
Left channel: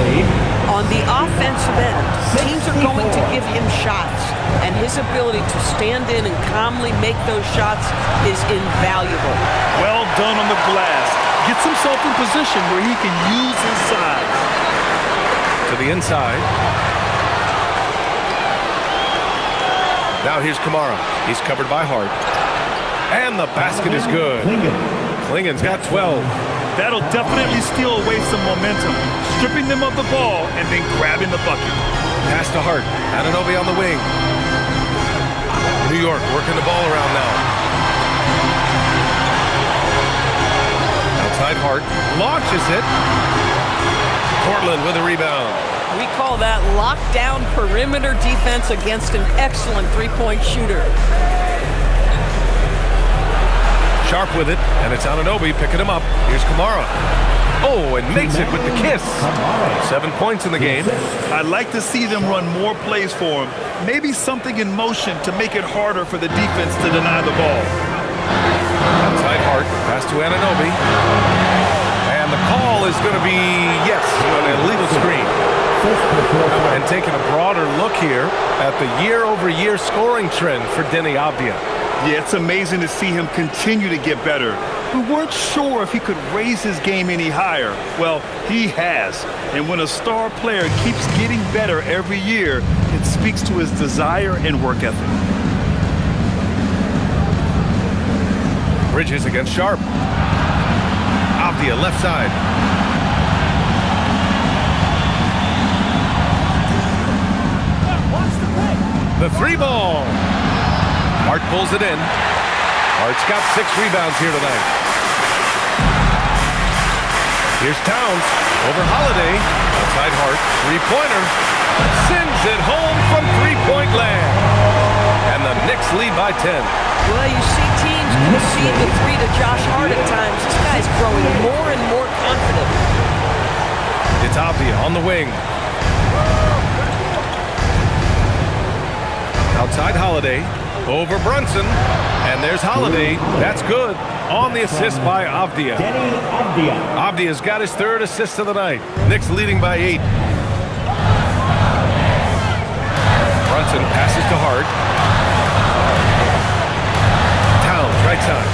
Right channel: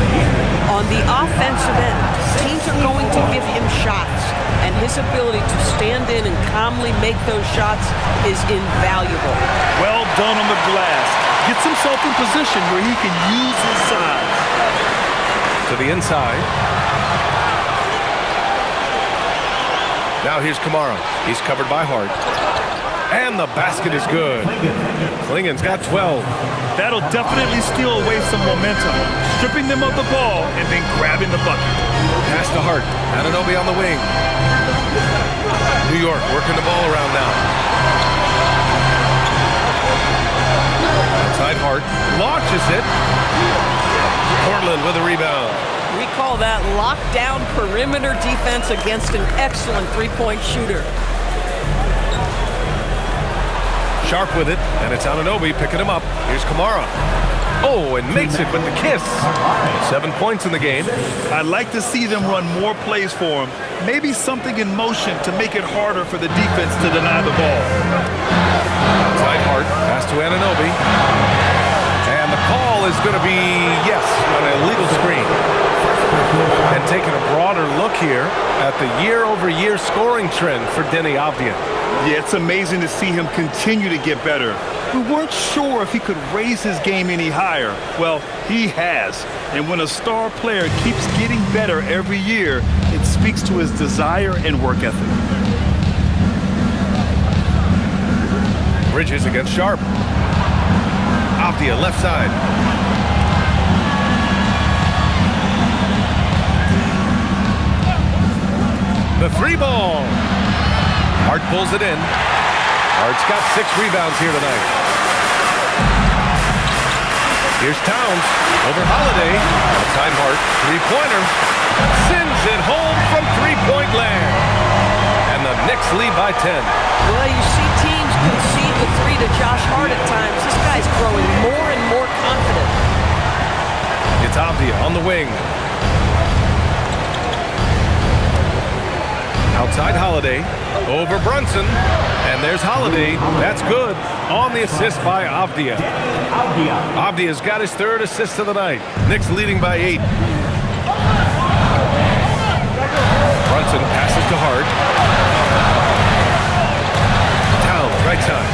On the offensive end, teams are going to give him shots, and his ability to stand in and calmly make those shots is invaluable. Well done on the glass. Gets himself in position where he can use his size. To the inside. Now here's Kamara. He's covered by Hart. And the basket is good. Klingen's got 12. That'll definitely steal away some momentum. Stripping them of the ball and then grabbing the bucket. Pass to Hart. Anunoby on the wing. New York working the ball around now. Outside Hart. Launches it. Portland with a rebound. We call that lockdown perimeter defense against an excellent three-point shooter. Sharp with it, and it's Anunoby picking him up. Here's Kamara. Oh, and makes it with the kiss. 7 points in the game. I'd like to see them run more plays for him. Maybe something in motion to make it harder for the defense to deny the ball. Outside Hart, pass to Anunoby. And the call is going to be, yes, an illegal screen. And taking a broader look here at the year-over-year scoring trend for Deni Avdija. Yeah, it's amazing to see him continue to get better. We weren't sure if he could raise his game any higher. Well, he has. And when a star player keeps getting better every year, it speaks to his desire and work ethic. Bridges against Sharp. Avdija left side. The 3-ball. Hart pulls it in. Hart's got 6 rebounds here tonight. Here's Towns over Holiday. Outside Hart, 3-pointer. Sends it home from 3-point land. And the Knicks lead by 10. Well, you see teams concede the 3 to Josh Hart at times. This guy's growing more and more confident. It's Avdija on the wing. Outside Holiday, over Brunson, and there's Holiday. That's good on the assist by Avdija. Avdija's got his 3rd assist of the night. Knicks leading by 8. Brunson passes to Hart. Towns, right side.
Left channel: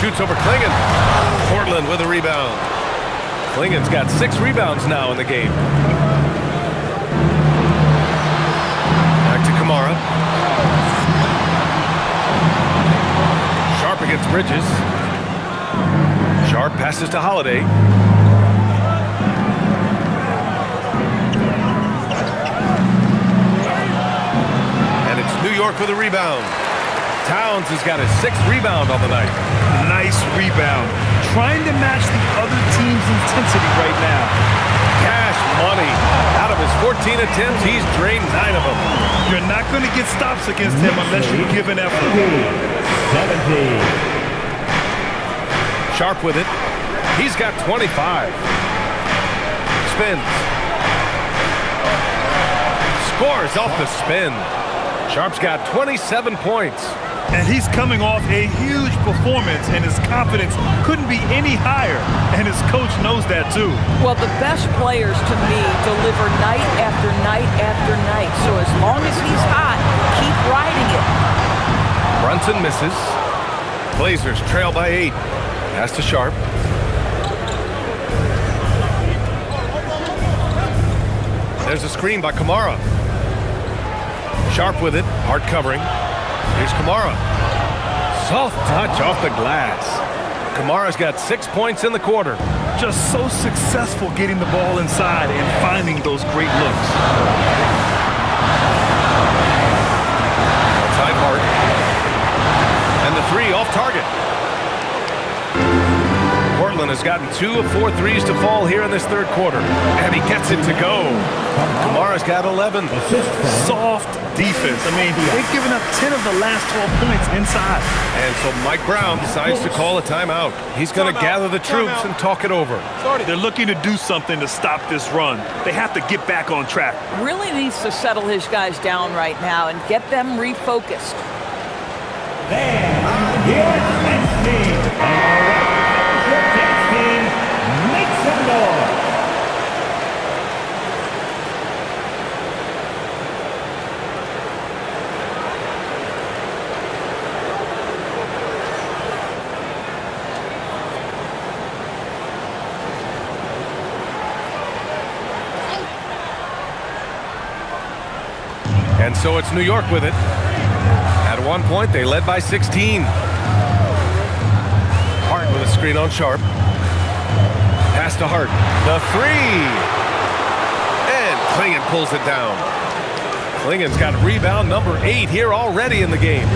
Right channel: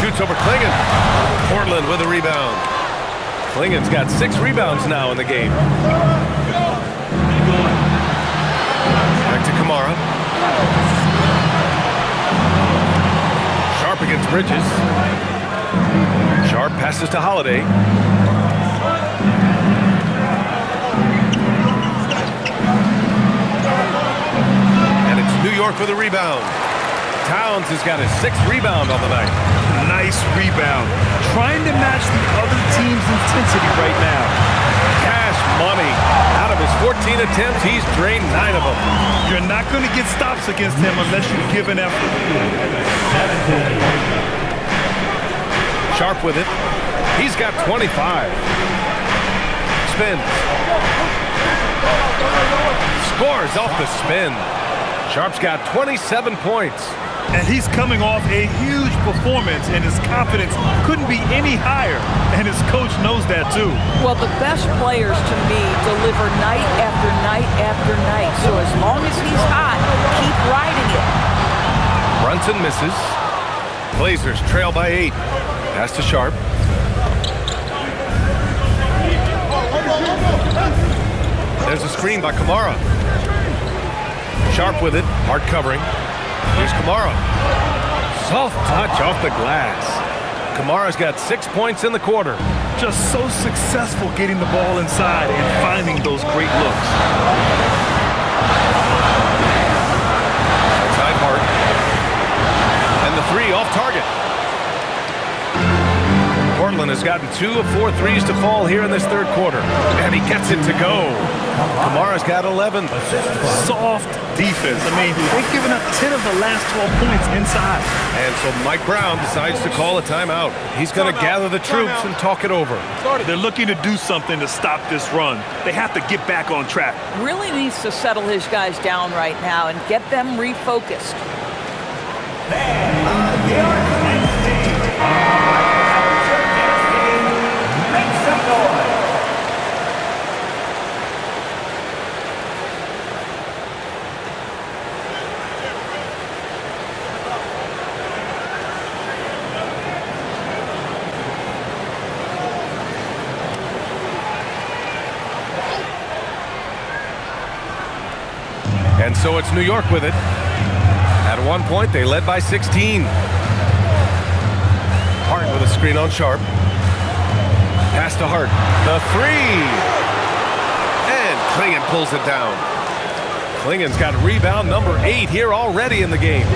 Shoots over Klingen. Portland with a rebound. Klingen's got 6 rebounds now in the game. Back to Kamara. Sharp against Bridges. Sharp passes to Holiday. And it's New York with a rebound. Towns has got his 6th rebound on the night. Nice rebound. Trying to match the other team's intensity right now. Cash money. Out of his 14 attempts, he's drained 9 of them. You're not going to get stops against him unless you give an effort. 17. Sharp with it. He's got 25. Spins. Scores off the spin. Sharp's got 27 points. And he's coming off a huge performance, and his confidence couldn't be any higher. And his coach knows that, too. Well, the best players, to me, deliver night after night after night. So as long as he's hot, keep riding it. Brunson misses. Blazers trail by 8. Pass to Sharp. There's a screen by Kamara. Sharp with it, hard covering. Here's Kamara. Soft touch off the glass. Kamara's got 6 points in the quarter. Just so successful getting the ball inside and finding those great looks. Outside Hart. And the three off target. Portland has gotten 2 of 4 threes to fall here in this third quarter. And he gets it to go. Kamara's got 11. Soft defense. I mean, they've given up 10 of the last 12 points inside. And so Mike Brown decides to call a timeout. He's going to gather the troops and talk it over. They're looking to do something to stop this run. They have to get back on track. Really needs to settle his guys down right now and get them refocused. Then, your next team. Your next team, make some noise. And so it's New York with it. At one point, they led by 16. Hart with a screen on Sharp. Pass to Hart. The three. And Klingon pulls it down. Klingon's got rebound number 8 here already in the game.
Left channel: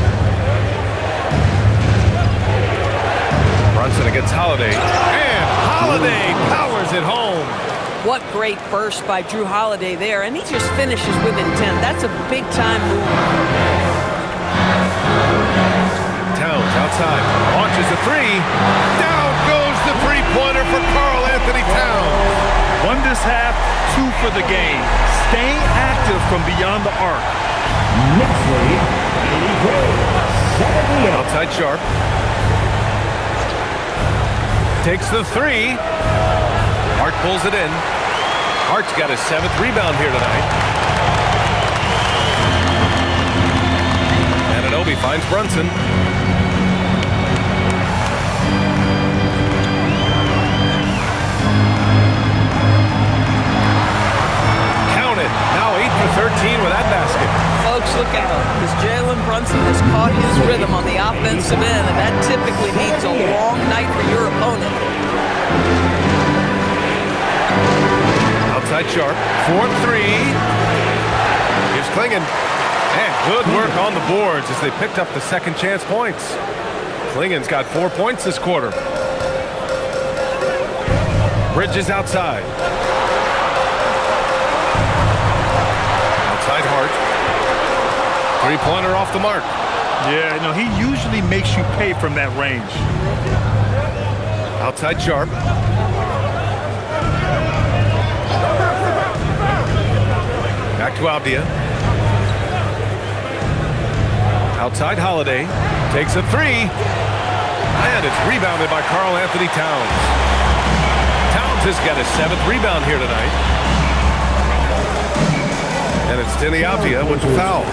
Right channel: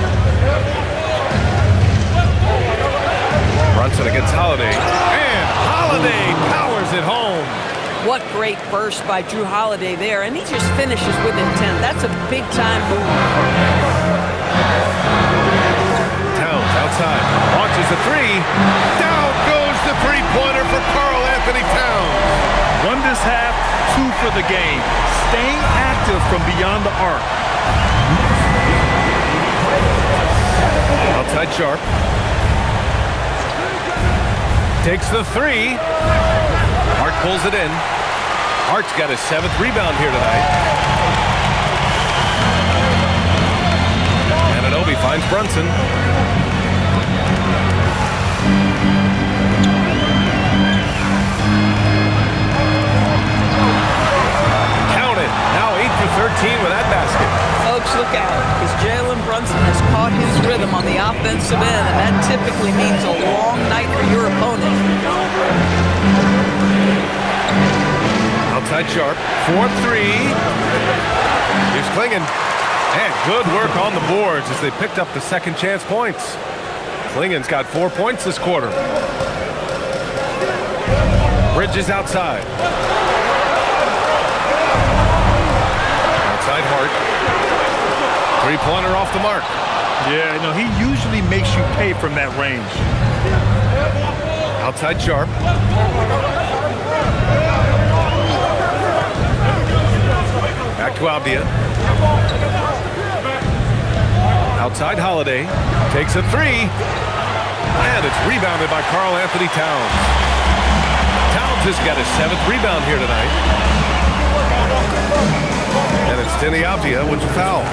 Brunson against Holiday. And Holiday powers it home. What great burst by Drew Holiday there, and he just finishes with intent. That's a big-time move. Towns outside, launches a three. Down goes the three-pointer for Karl Anthony Towns. 1 this half, 2 for the game. Staying active from beyond the arc. Outside Sharp. Takes the three. Hart pulls it in. Hart's got his 7th rebound here tonight. Anunoby finds Brunson. Count it. Now 8 for 13 with that basket. Folks, look out, because Jalen Brunson has caught his rhythm on the offensive end, and that typically means a long night for your opponent. Outside Sharp, 4-3. Here's Klingon. And good work on the boards as they picked up the second chance points. Klingon's got 4 points this quarter. Bridges outside. Outside Hart. Three-pointer off the mark. Yeah, no, he usually makes you pay from that range. Outside Sharp. Back to Avdia. Outside Holiday. Takes a three. And it's rebounded by Karl Anthony Towns. Towns has got his 7th rebound here tonight. And it's Denny Avdia with the foul.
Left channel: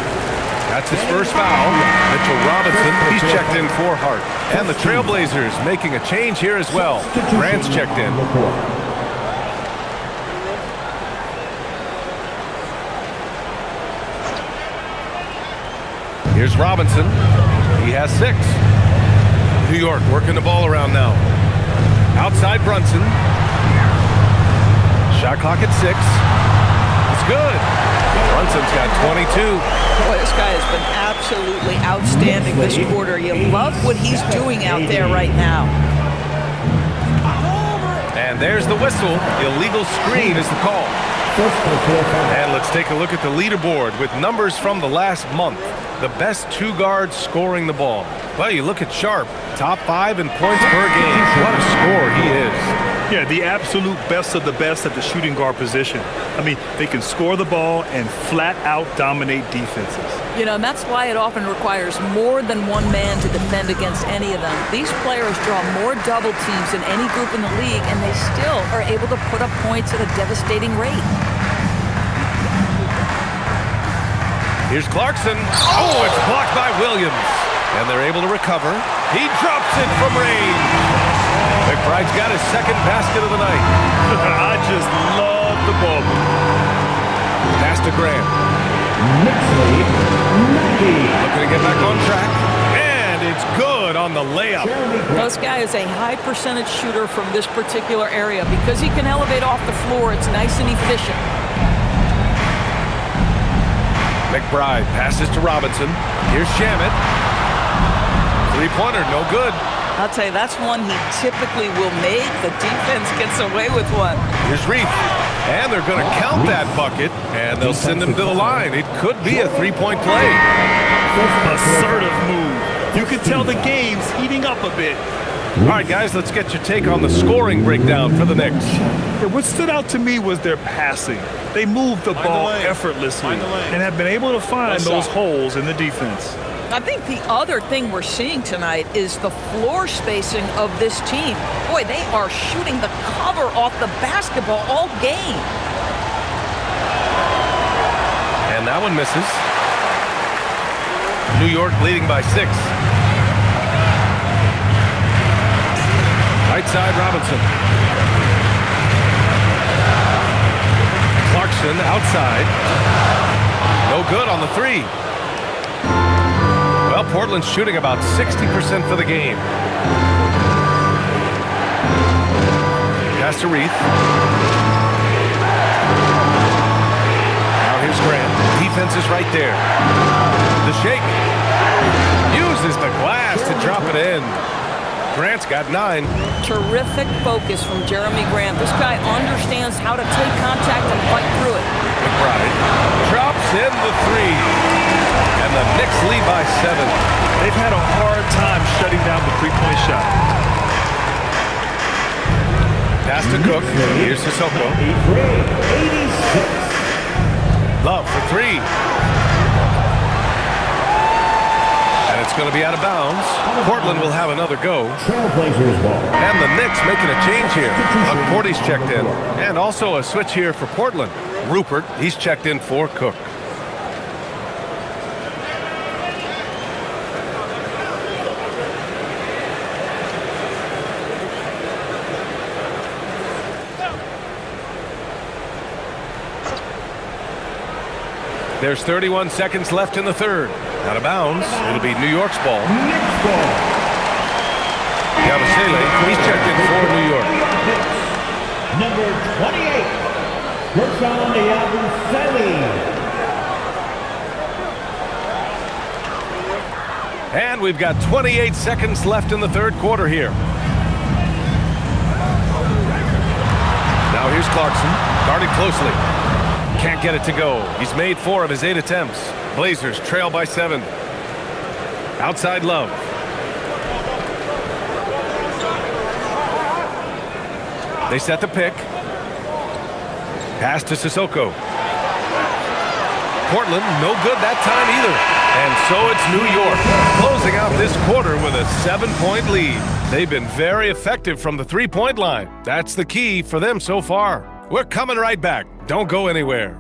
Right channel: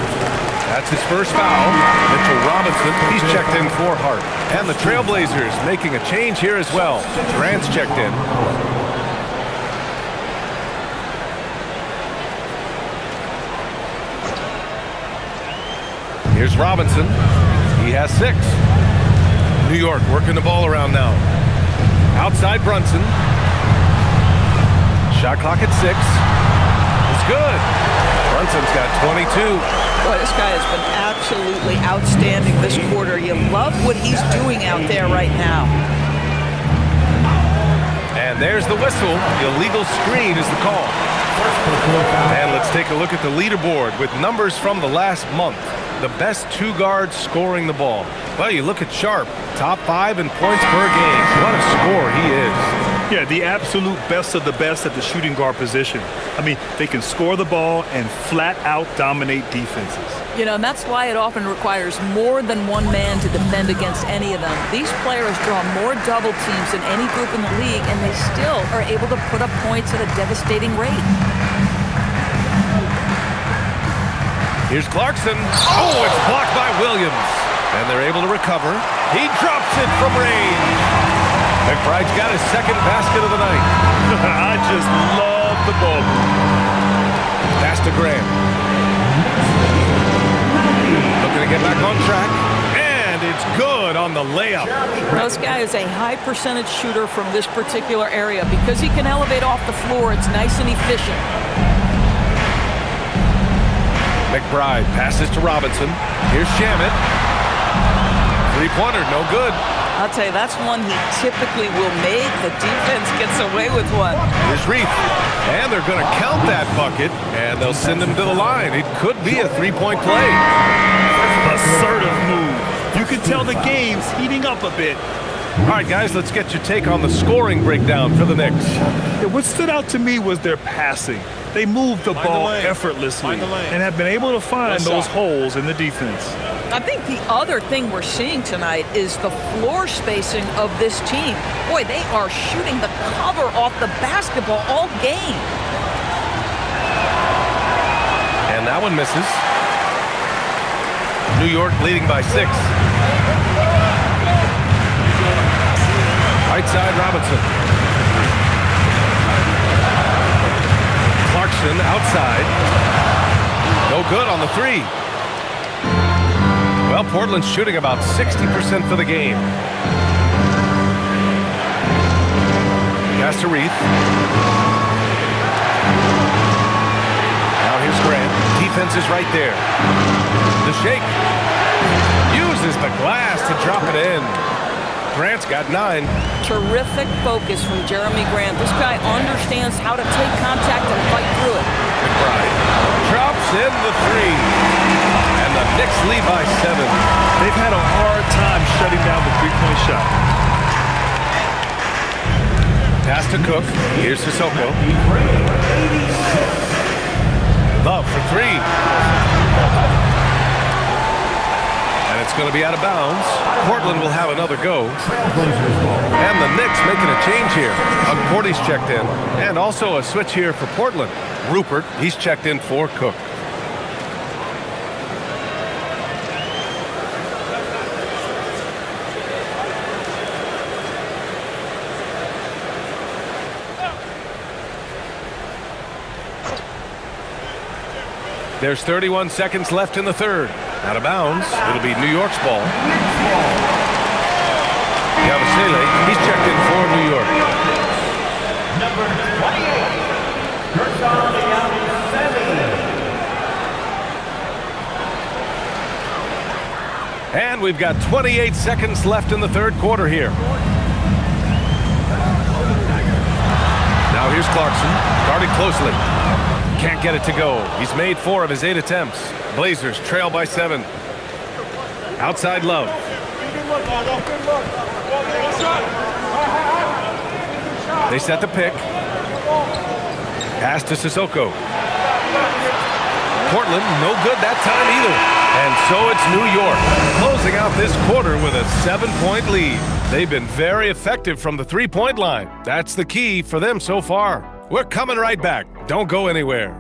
That's his first foul. Mitchell Robinson, he's checked in for Hart. And the Trailblazers making a change here as well. Grant's checked in. Here's Robinson. He has 6. New York working the ball around now. Outside Brunson. Shot clock at 6. It's good. Brunson's got 22. Boy, this guy has been absolutely outstanding this quarter. You love what he's doing out there right now. And there's the whistle. Illegal screen is the call. And let's take a look at the leaderboard with numbers from the last month. The best 2 guards scoring the ball. Well, you look at Sharp, top 5 in points per game. What a scorer he is. Yeah, the absolute best of the best at the shooting guard position. I mean, they can score the ball and flat out dominate defenses. You know, and that's why it often requires more than one man to defend against any of them. These players draw more double teams than any group in the league, and they still are able to put up points at a devastating rate. Here's Clarkson. Oh, it's blocked by Williams. And they're able to recover. He drops it from range. McBride's got his 2nd basket of the night. I just love the ball. Pass to Graham. looking to get back on track. And it's good on the layup. This guy is a high percentage shooter from this particular area. Because he can elevate off the floor, it's nice and efficient. McBride passes to Robinson. Here's Shamet. Three-pointer, no good. I'll tell you, that's one he typically will make. The defense gets away with one. Here's Reith. And they're going to count that bucket, and they'll send him to the line. It could be a three-point play. Assertive move. You can tell the game's heating up a bit. All right, guys, let's get your take on the scoring breakdown for the Knicks. Yeah, what stood out to me was their passing. They moved the ball effortlessly and have been able to find those holes in the defense. I think the other thing we're seeing tonight is the floor spacing of this team. Boy, they are shooting the cover off the basketball all game. And that one misses. New York leading by 6. Right side, Robinson. Clarkson outside. No good on the three. Well, Portland's shooting about 60% for the game. Pass to Reith. Now here's Grant. Defense is right there. The shake. Uses the glass to drop it in. Grant's got 9. Terrific focus from Jeremy Grant. This guy understands how to take contact and fight through it. McBride drops in the 3. And the Knicks lead by 7. They've had a hard time shutting down the three-point shot. Pass to Cook. Here's Sissoko. Love for 3. And it's going to be out of bounds. Portland will have another go. And the Knicks making a change here. Porty's checked in. And also a switch here for Portland. Rupert, he's checked in for Cook. There's 31 seconds left in the third. Out of bounds. It'll be New York's ball. Yabusele, he's checked in for New York. Number 28, Gershon Yabusele. And we've got 28 seconds left in the third quarter here. Now here's Clarkson, guarded closely. Can't get it to go. He's made 4 of his 8 attempts. Blazers trail by 7. Outside Love. They set the pick. Pass to Sissoko. Portland, no good that time either. And so it's New York, closing out this quarter with a 7-point lead. They've been very effective from the three-point line. That's the key for them so far. We're coming right back. Don't go anywhere.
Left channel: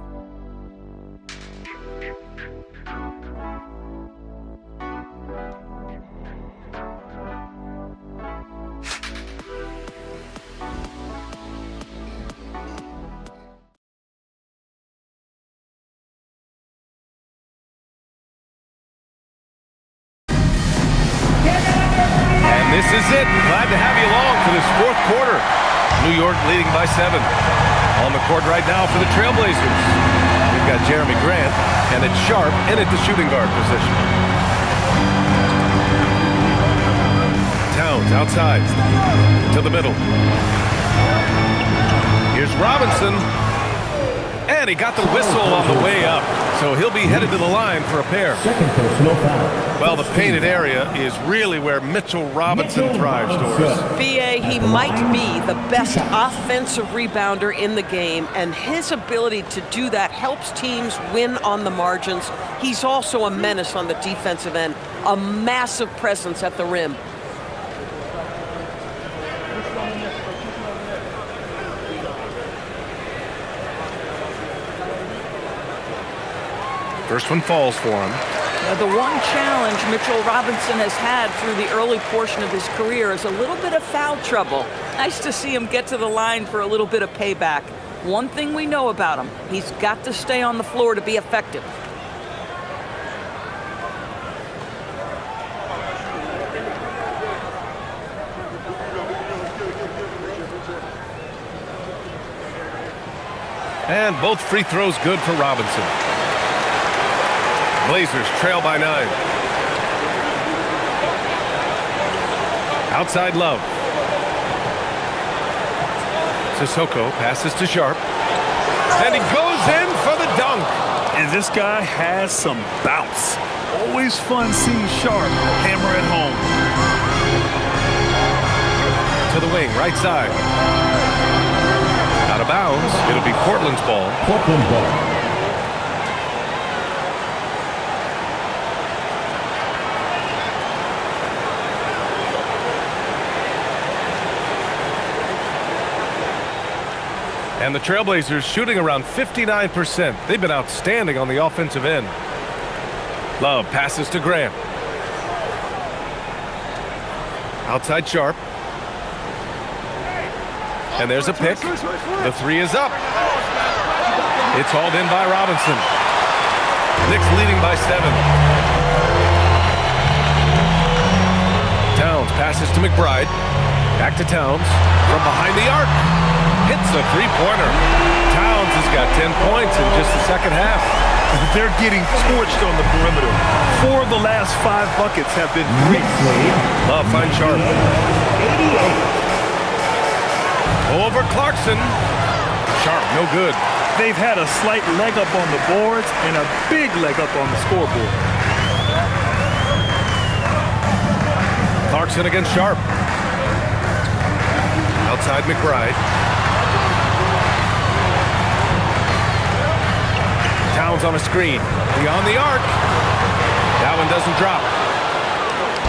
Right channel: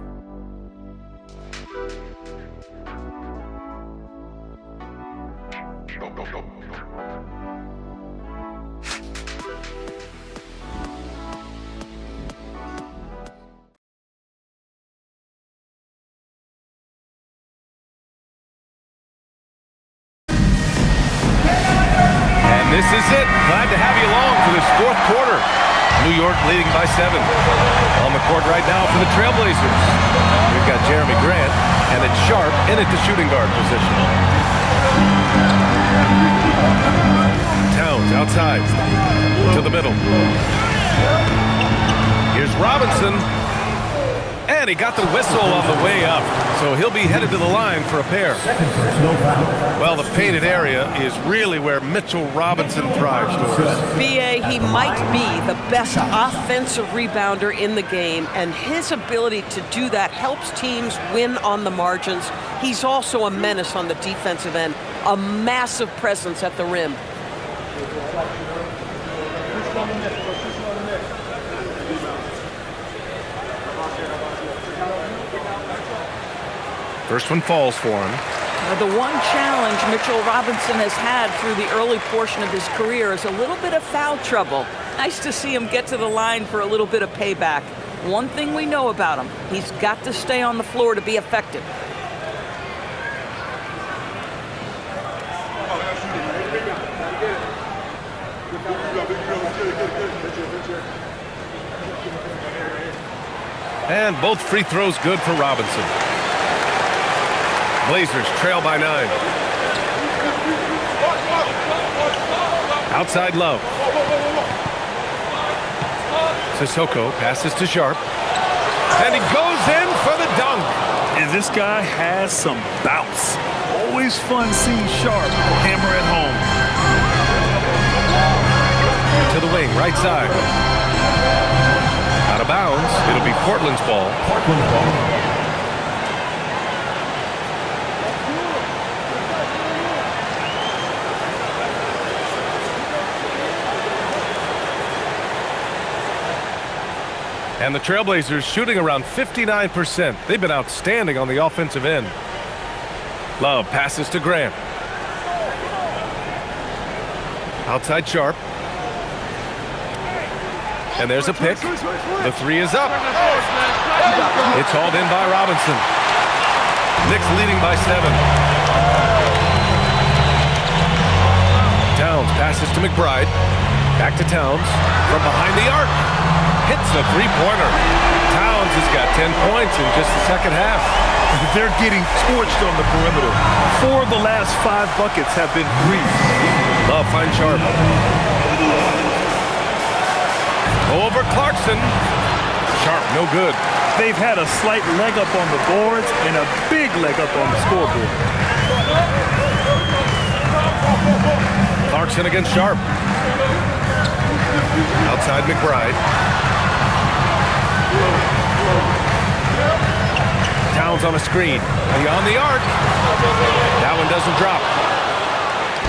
This is it. Glad to have you along for this fourth quarter. New York leading by 7. On the court right now for the Trailblazers. We've got Jeremy Grant, and it's Sharp in at the shooting guard position. Towns outside to the middle. Here's Robinson. And he got the whistle on the way up. So he'll be headed to the line for a pair. Well, the painted area is really where Mitchell Robinson thrives, Doris. BA, he might be the best offensive rebounder in the game, and his ability to do that helps teams win on the margins. He's also a menace on the defensive end, a massive presence at the rim. First one falls for him. Now, the one challenge Mitchell Robinson has had through the early portion of his career is a little bit of foul trouble. Nice to see him get to the line for a little bit of payback. One thing we know about him, he's got to stay on the floor to be effective. And both free throws good for Robinson. Blazers trail by 9. Outside Love. Sissoko passes to Sharp. And he goes in for the dunk. And this guy has some bounce. Always fun seeing Sharp hammer it home. To the wing, right side. Out of bounds. It'll be Portland's ball. Portland ball. And the Trailblazers shooting around 59%. They've been outstanding on the offensive end. Love passes to Grant. Outside Sharp. And there's a pick. The three is up. It's hauled in by Robinson. Knicks leading by 7. Towns passes to McBride. Back to Towns. From behind the arc. Hits a three-pointer. Towns has got 10 points in just the second half. They're getting torched on the perimeter. 4 of the last 5 buckets have been threes. Love finds Sharp. Over Clarkson. Sharp, no good. They've had a slight leg up on the boards and a big leg up on the scoreboard. Clarkson against Sharp. Outside McBride. Towns on a screen. Beyond the arc. That one doesn't drop.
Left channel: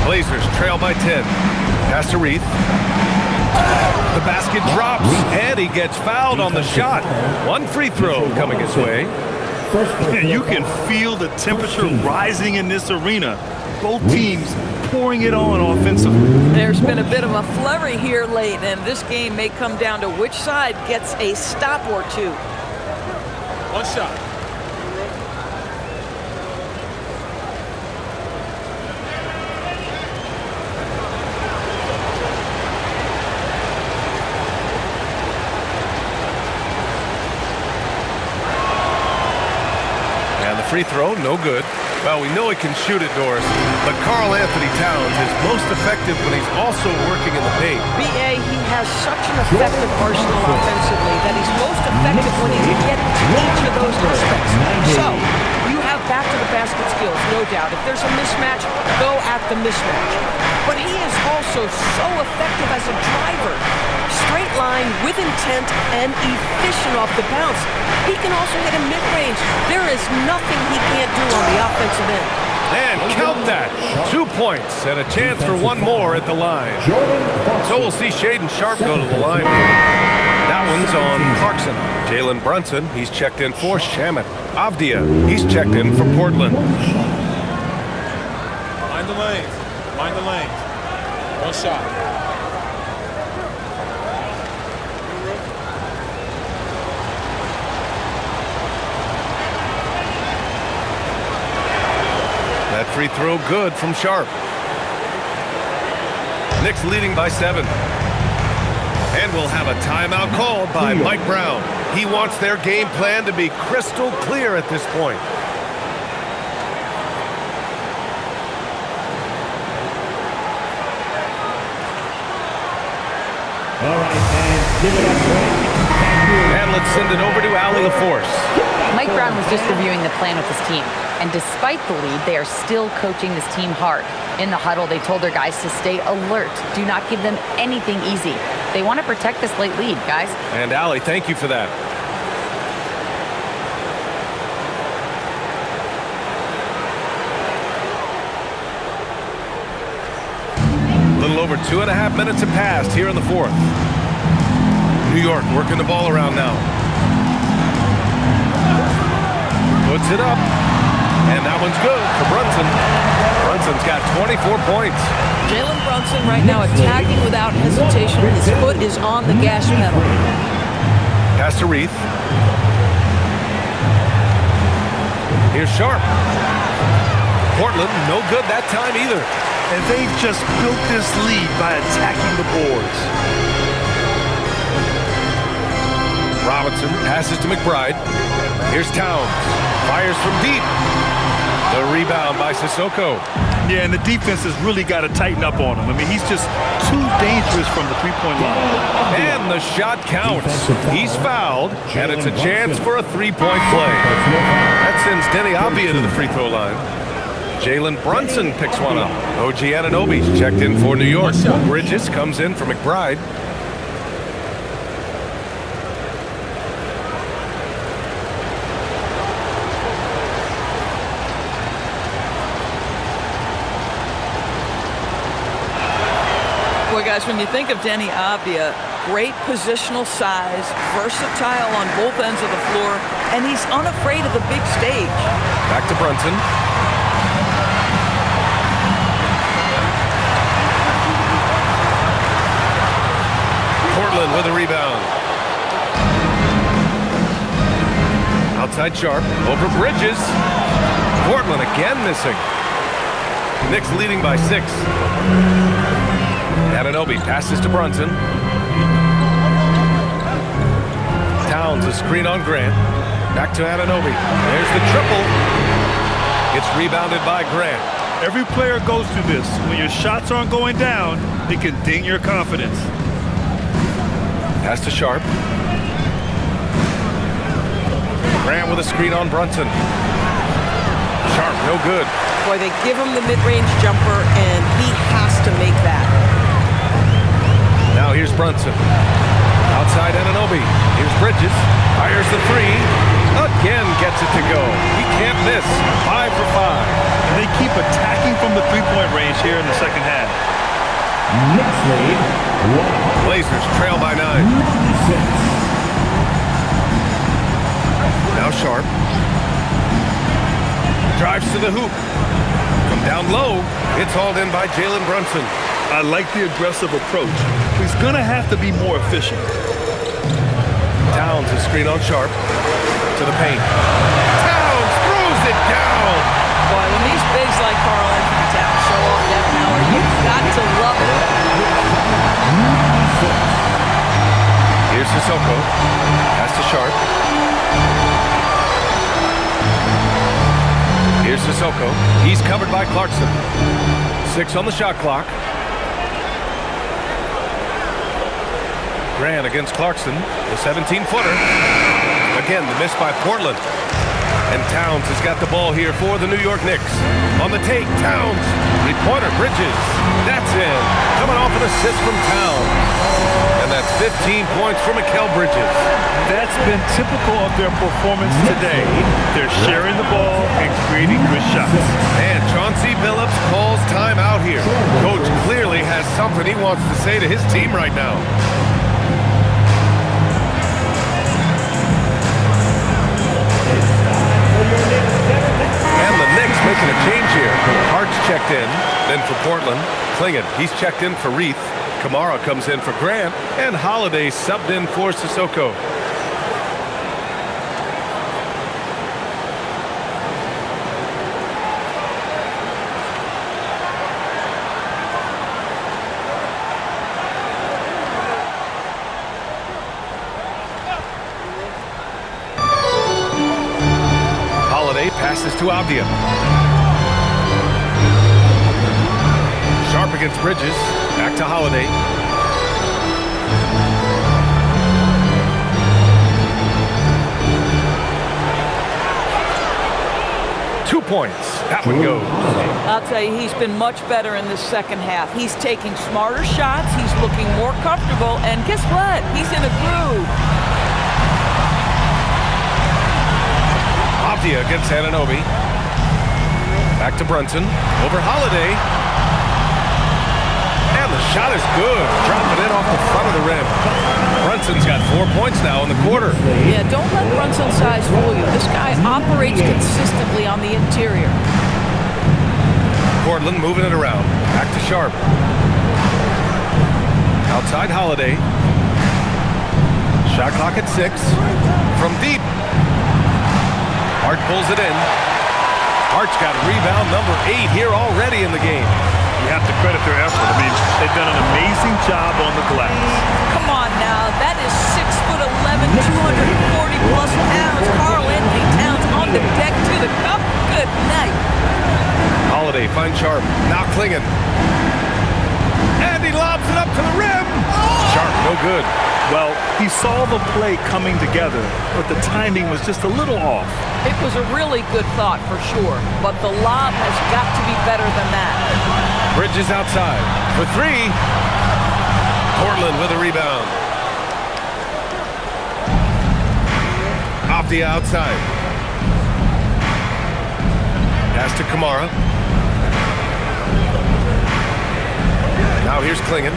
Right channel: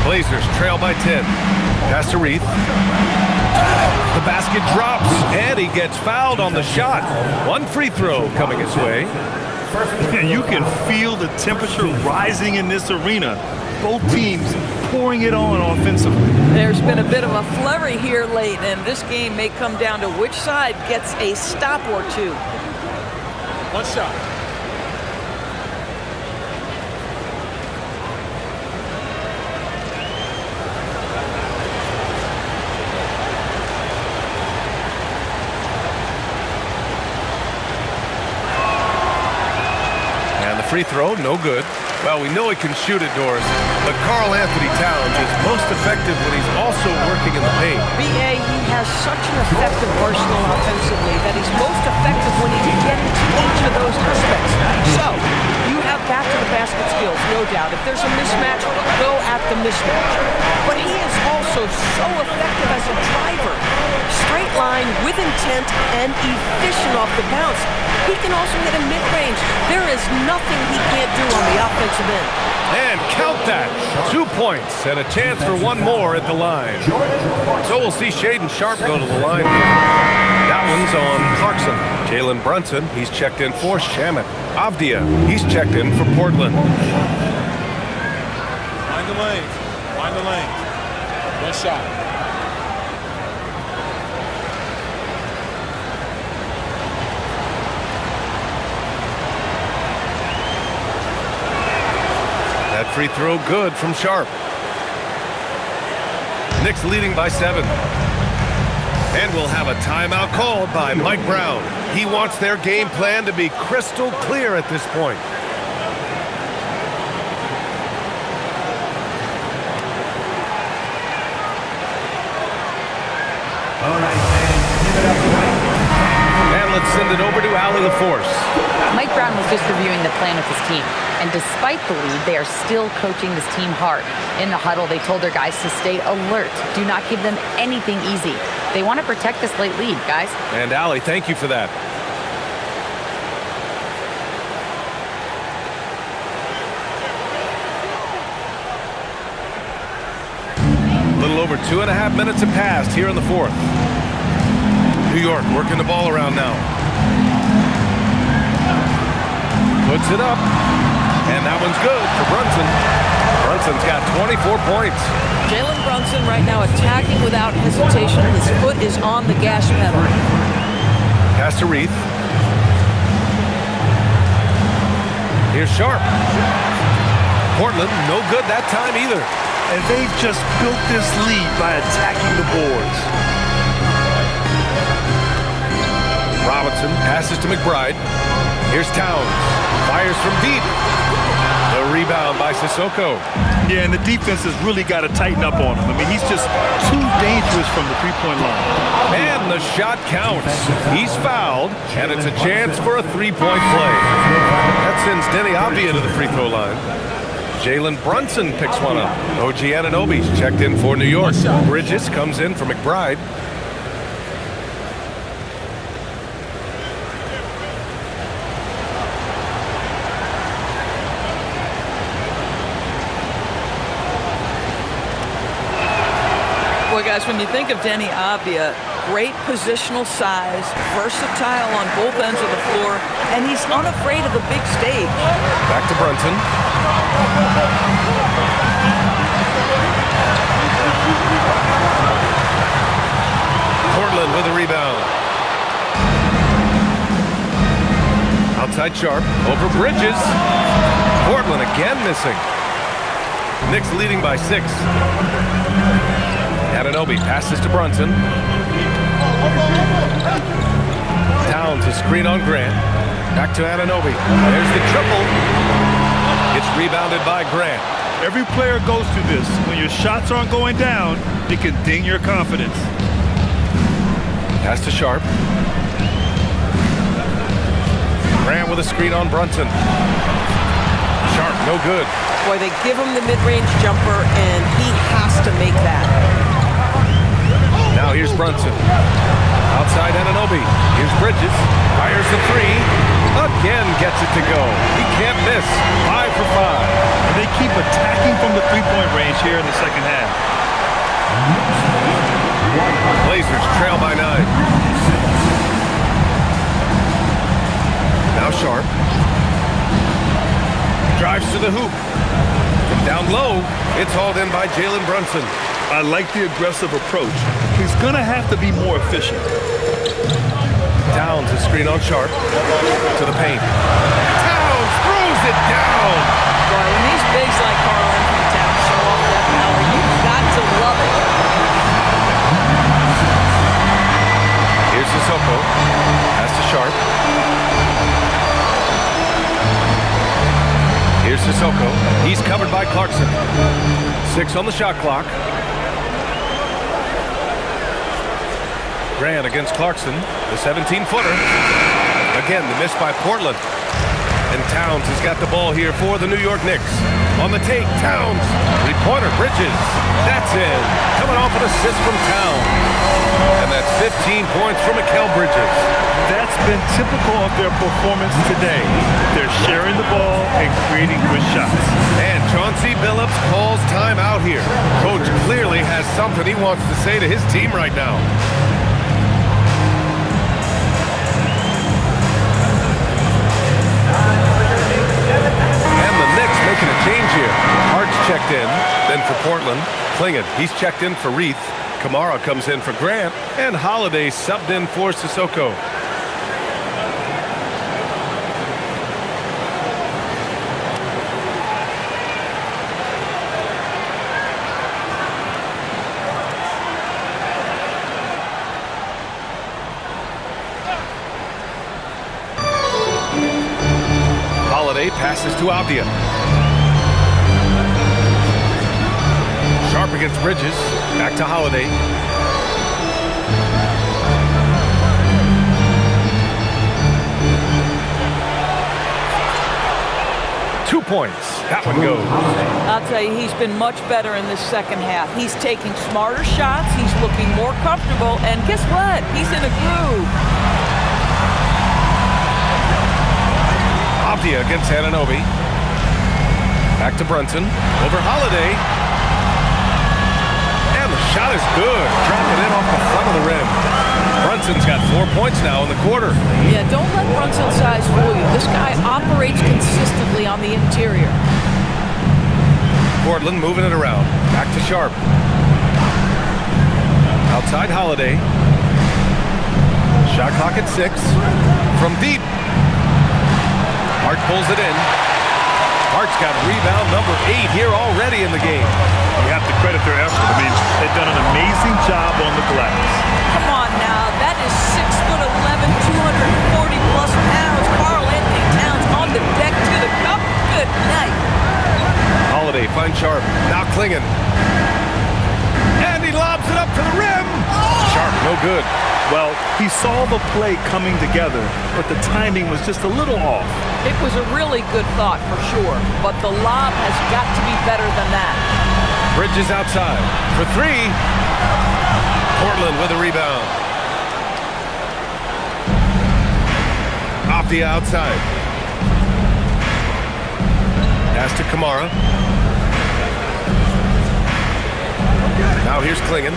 Blazers trail by 10. Pass to Reith. The basket drops, and he gets fouled on the shot. One free throw coming his way. And you can feel the temperature rising in this arena. Both teams pouring it on offensively. There's been a bit of a flurry here late, and this game may come down to which side gets a stop or two. One shot. And the free throw, no good. Well, we know he can shoot it, Doris, but Karl Anthony Towns is most effective when he's also working in the paint. B.A., he has such an effective arsenal offensively that he's most effective when he's getting to each of those aspects. So, you have back-to-the-basket skills, no doubt. If there's a mismatch, go at the mismatch. But he is also so effective as a driver. Straight line, with intent, and efficient off the bounce. He can also hit a mid-range. There is nothing he can't do on the offensive end. And count that. 2 points and a chance for one more at the line. So we'll see Shaedon Sharp go to the line. That one's on Clarkson. Jalen Brunson, he's checked in for Shamet. Avdia, he's checked in for Portland. Mind the lanes. Mind the lanes. One shot. That free throw good from Sharp. Knicks leading by 7. And we'll have a timeout called by Mike Brown. He wants their game plan to be crystal clear at this point. All right, fans, give it up. And let's send it over to Allie LaForce. Mike Brown was just reviewing the plan with his team. And despite the lead, they are still coaching this team hard. In the huddle, they told their guys to stay alert. Do not give them anything easy. They want to protect this late lead, guys. And Allie, thank you for that. A little over 2.5 minutes have passed here in the fourth. New York working the ball around now. Puts it up. And that one's good for Brunson. Brunson's got 24 points. Jalen Brunson right now attacking without hesitation. His foot is on the gas pedal. Pass to Reith. Here's Sharp. Portland, no good that time either. And they've just built this lead by attacking the boards. Robinson passes to McBride. Here's Towns. Fires from deep. The rebound by Sissoko. Yeah, and the defense has really got to tighten up on him. I mean, he's just too dangerous from the three-point line. And the shot counts. He's fouled, and it's a chance for a three-point play. That sends Denny Avdia to the free throw line. Jalen Brunson picks one up. OG Anunoby's checked in for New York. Bridges comes in for McBride. Boy, guys, when you think of Denny Avdia, great positional size, versatile on both ends of the floor, and he's unafraid of the big stage. Back to Brunson. Portland with a rebound. Outside Sharp, over Bridges. Portland again missing. Knicks leading by 6. Anunoby passes to Brunson. Towns a screen on Grant. Back to Anunoby. There's the triple. It's rebounded by Grant. Every player goes through this. When your shots aren't going down, it can ding your confidence. Pass to Sharp. Grant with a screen on Brunson. Sharp, no good. Boy, they give him the mid-range jumper, and he has to make that. Now here's Brunson. Outside Anunoby. Here's Bridges. Fires the three. Again gets it to go. He can't miss. 5 for 5. And they keep attacking from the three-point range here in the second half. Blazers trail by 9. Now Sharp. Drives to the hoop. From down low, it's hauled in by Jalen Brunson. I like the aggressive approach. He's going to have to be more efficient. Towns a screen on Sharp. To the paint. Towns throws it down. Boy, when these bigs like Karl Anthony Towns show off that power, you've got to love it. Here's Sissoko. Pass to Sharp. Here's Sissoko. He's covered by Clarkson. 6 on the shot clock. Grant against Clarkson, the 17-footer. Again, the miss by Portland. And Towns has got the ball here for the New York Knicks. On the take, Towns. Three-pointer, Bridges. That's in. Coming off an assist from Towns. And that's 15 points for Mikal Bridges. That's been typical of their performance today. They're sharing the ball and creating good shots. And Chauncey Billups calls time out here. Coach clearly has something he wants to say to his team right now. And the Knicks making a change here. Hart's checked in, then for Portland. Klingon, he's checked in for Reith. Kamara comes in for Grant, and Holiday subbed in for Sissoko. Holiday passes to Avdia. Sharp against Bridges. Back to Holiday. Two points. That one goes. I'll tell you, he's been much better in the second half. He's taking smarter shots. He's looking more comfortable. And guess what? He's in a groove. Avdia against Anunoby. Back to Brunson. Over Holiday. And the shot is good. Dropping it off the front of the rim. Brunson's got 4 points now in the quarter. Yeah, don't let Brunson's size fool you. This guy operates consistently on the interior. Portland moving it around. Back to Sharp. Outside Holiday. Shot clock at 6. From deep. Hart pulls it in. Hart's got rebound number 8 here already in the game. You have to credit their effort. I mean, they've done an amazing job on the glass. Come on now, that is 6'11", 240-plus pounds. Karl Anthony Towns on the deck to the cup. Good night. Holiday finds Sharp. Now Klingon. And he lobs it up to the rim. Sharp, no good. Well, he saw the play coming together, but the timing was just a little off. It was a really good thought for sure, but the lob has got to be better than that. Bridges outside for 3. Portland with a rebound. Avdia outside. Pass to Kamara. Now here's Klingon.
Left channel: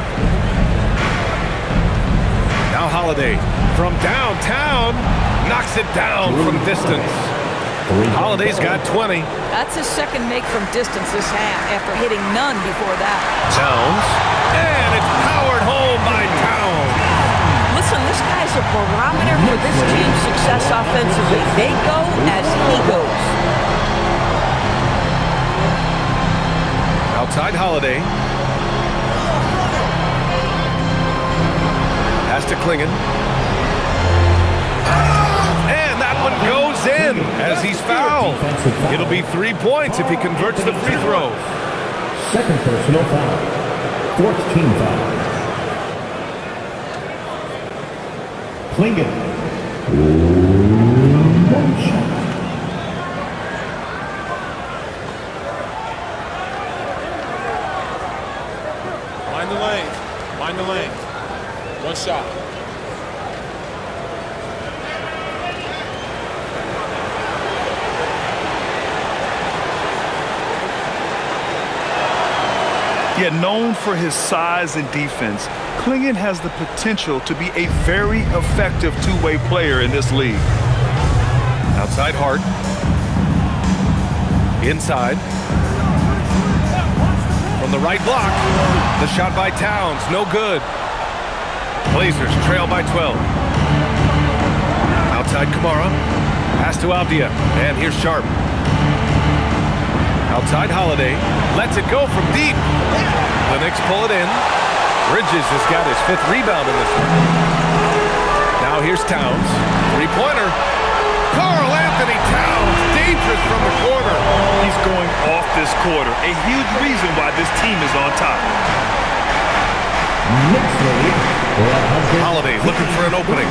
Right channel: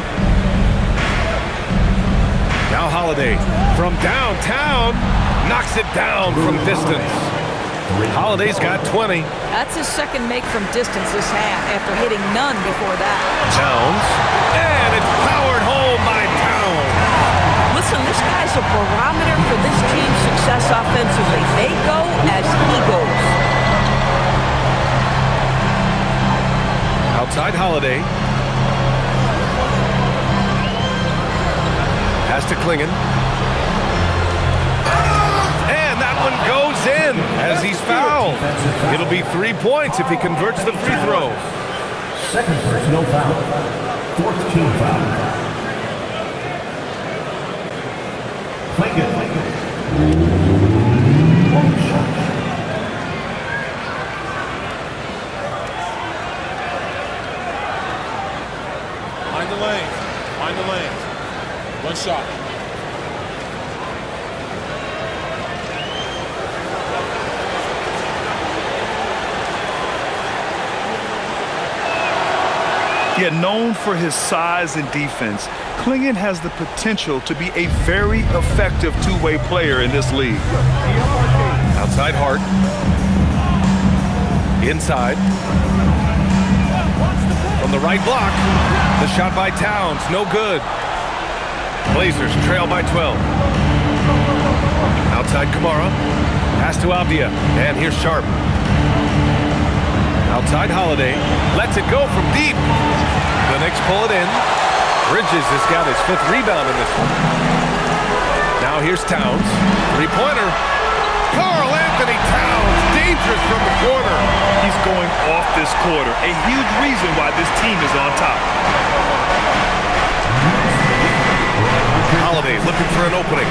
Now Holiday from downtown knocks it down from distance. Holiday's got 20. That's his second make from distance this half after hitting none before that. Towns. And it's powered home by Towns. Listen, this guy's a barometer for this team's success offensively. They go as he goes. Outside Holiday. Pass to Klingon. And that one goes in as he's fouled. It'll be 3 points if he converts the free throw. Second personal foul. 4th team foul. Klingon. One shot. Mind the lanes. Mind the lanes. One shot. Yet known for his size and defense, Klingon has the potential to be a very effective two-way player in this league. Outside Hart. Inside. From the right block. The shot by Towns. No good. Blazers trail by 12. Outside Kamara. Pass to Avdia. And here's Sharp. Outside Holiday. Lets it go from deep. The Knicks pull it in. Bridges has got his 5th rebound in this one. Now here's Towns. Three-pointer. Karl Anthony Towns. Dangerous from the corner. He's going off this quarter. A huge reason why this team is on top. Holiday looking for an opening.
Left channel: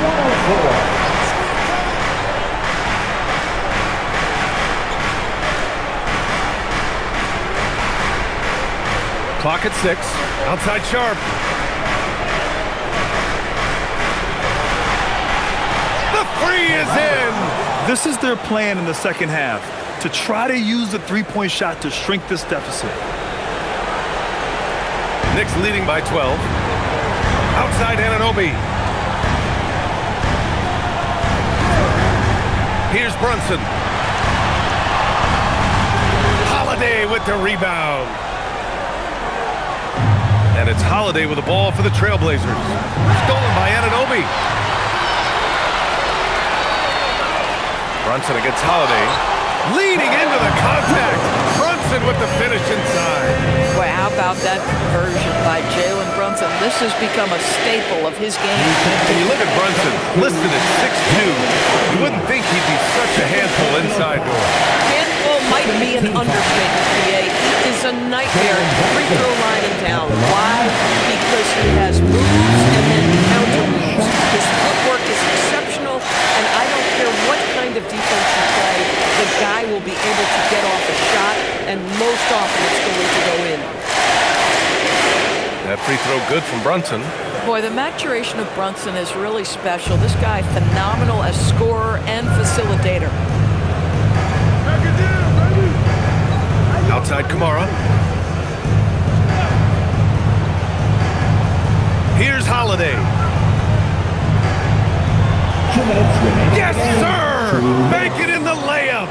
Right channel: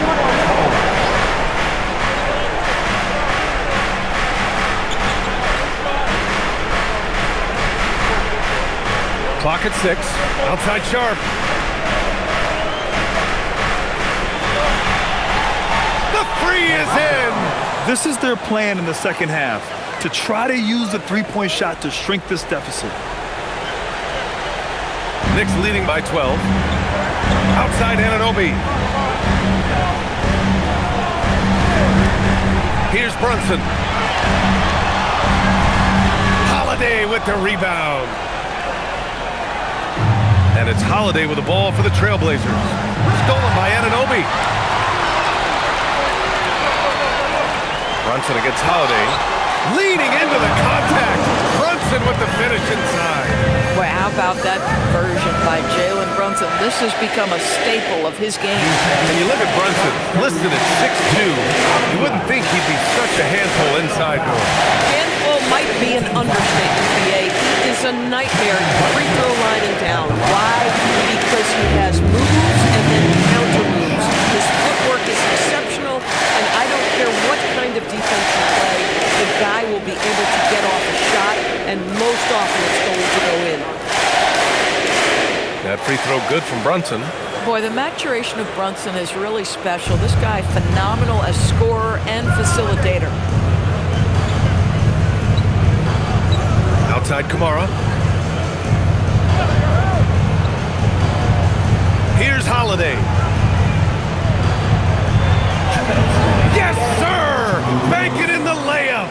Clock at 6. Outside Sharp. The three is in. This is their plan in the second half, to try to use the three-point shot to shrink this deficit. Knicks leading by 12. Outside Anunoby. Here's Brunson. Holiday with the rebound. And it's Holiday with the ball for the Trailblazers. Stolen by Anunoby. Brunson against Holiday. Leading into the contact. Brunson with the finish inside. Well, how about that conversion by Jalen Brunson? This has become a staple of his game. And you look at Brunson, listed at 6'2". You wouldn't think he'd be such a handful inside door. Handful might be an understatement, PA. He is a nightmare at the free throw line and down. Why? Because he has moves and then counter moves. His footwork is exceptional, and I don't care what kind of defense you play, the guy will be able to get off a shot, and most often it's going to go in. That free throw good from Brunson. Boy, the maturation of Brunson is really special. This guy, phenomenal as scorer and facilitator. Outside Kamara. Here's Holiday. Yes, sir! Bank it in the layup.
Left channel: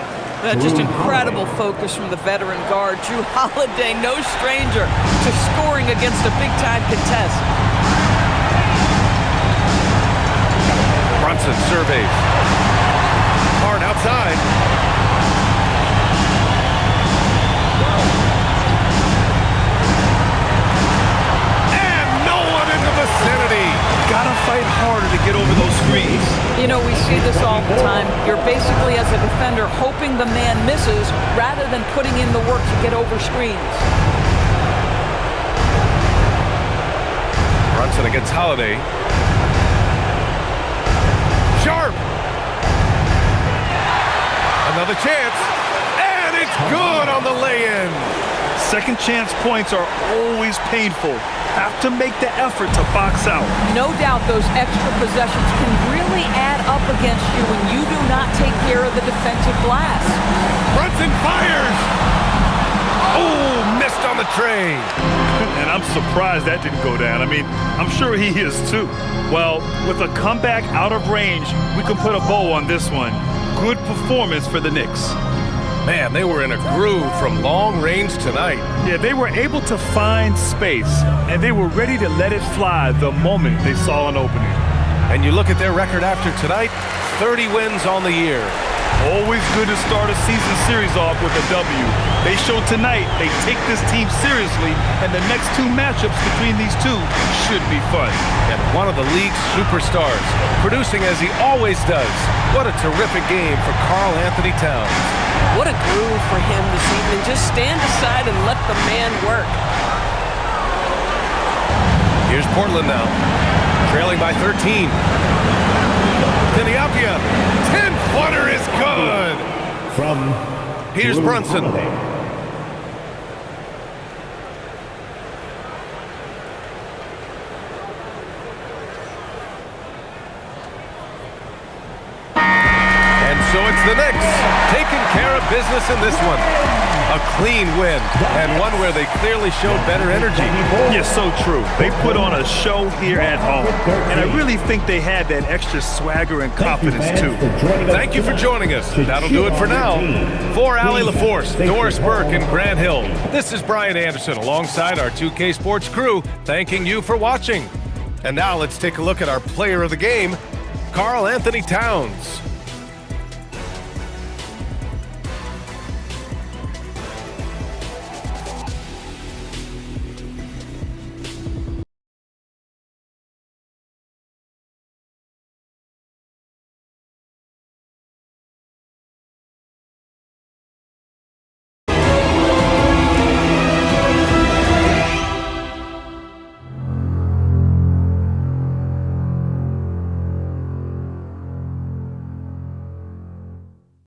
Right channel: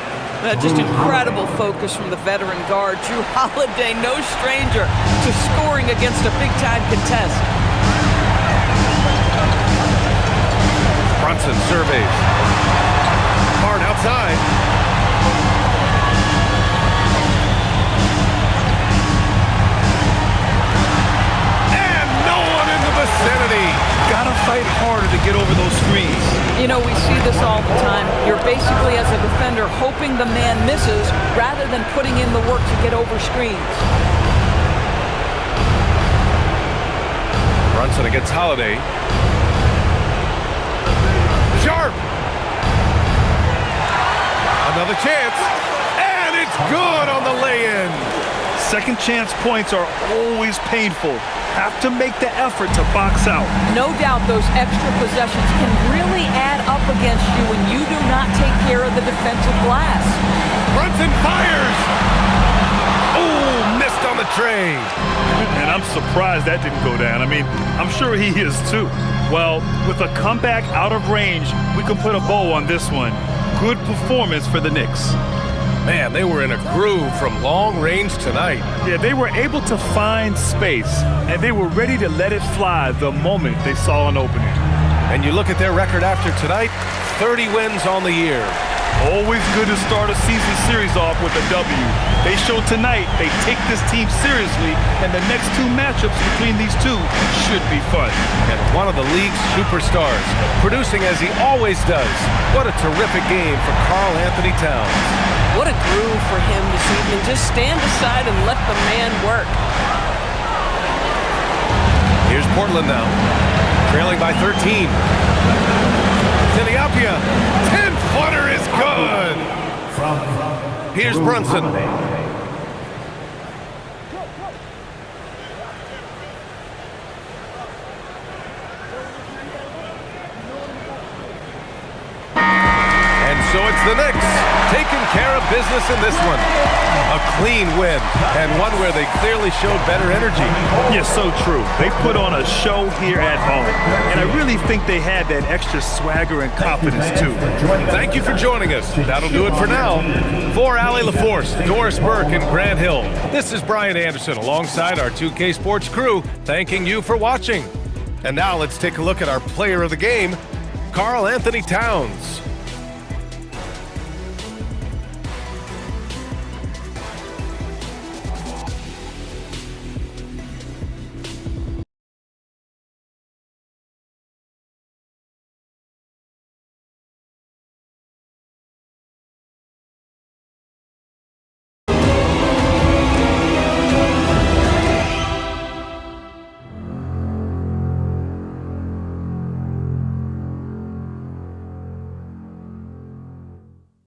Just incredible focus from the veteran guard. Drew Holiday, no stranger to scoring against a big-time contest. Brunson surveys. Hart outside. fight harder to get over those screens. You know, we see this all the time. You're basically, as a defender, hoping the man misses rather than putting in the work to get over screens. Brunson against Holiday. Sharp! Another chance, and it's good on the lay-in. Second chance points are always painful. Have to make the effort to box out. No doubt those extra possessions can really add up against you when you do not take care of the defensive glass. Brunson fires! Oh, missed on the tray. And I'm surprised that didn't go down. I mean, I'm sure he is too. Well, with a comeback out of range, we can put a bow on this one. Good performance for the Knicks. Man, they were in a groove from long range tonight. Yeah, they were able to find space, and they were ready to let it fly the moment they saw an opening. And you look at their record after tonight, 30 wins on the year. Always good to start a season series off with a W. They showed tonight they take this team seriously, and the next two matchups between these two should be fun. And one of the league's superstars, producing as he always does. What a terrific game for Karl Anthony Towns. What a groove for him this evening. Just stand aside and let the man work. Here's Portland now, trailing by 13. Tiniapia, 10-footer is good. Here's Brunson. And so it's the Knicks taking care of business in this one. A clean win, and one where they clearly showed better energy. Yes, so true. They put on a show here at home, and I really think they had that extra swagger and confidence too. Thank you for joining us. That'll do it for now. For Allie LaForce, Doris Burke, and Grant Hill, this is Brian Anderson alongside our 2K Sports crew, thanking you for watching. And now let's take a look at our player of the game, Karl Anthony Towns.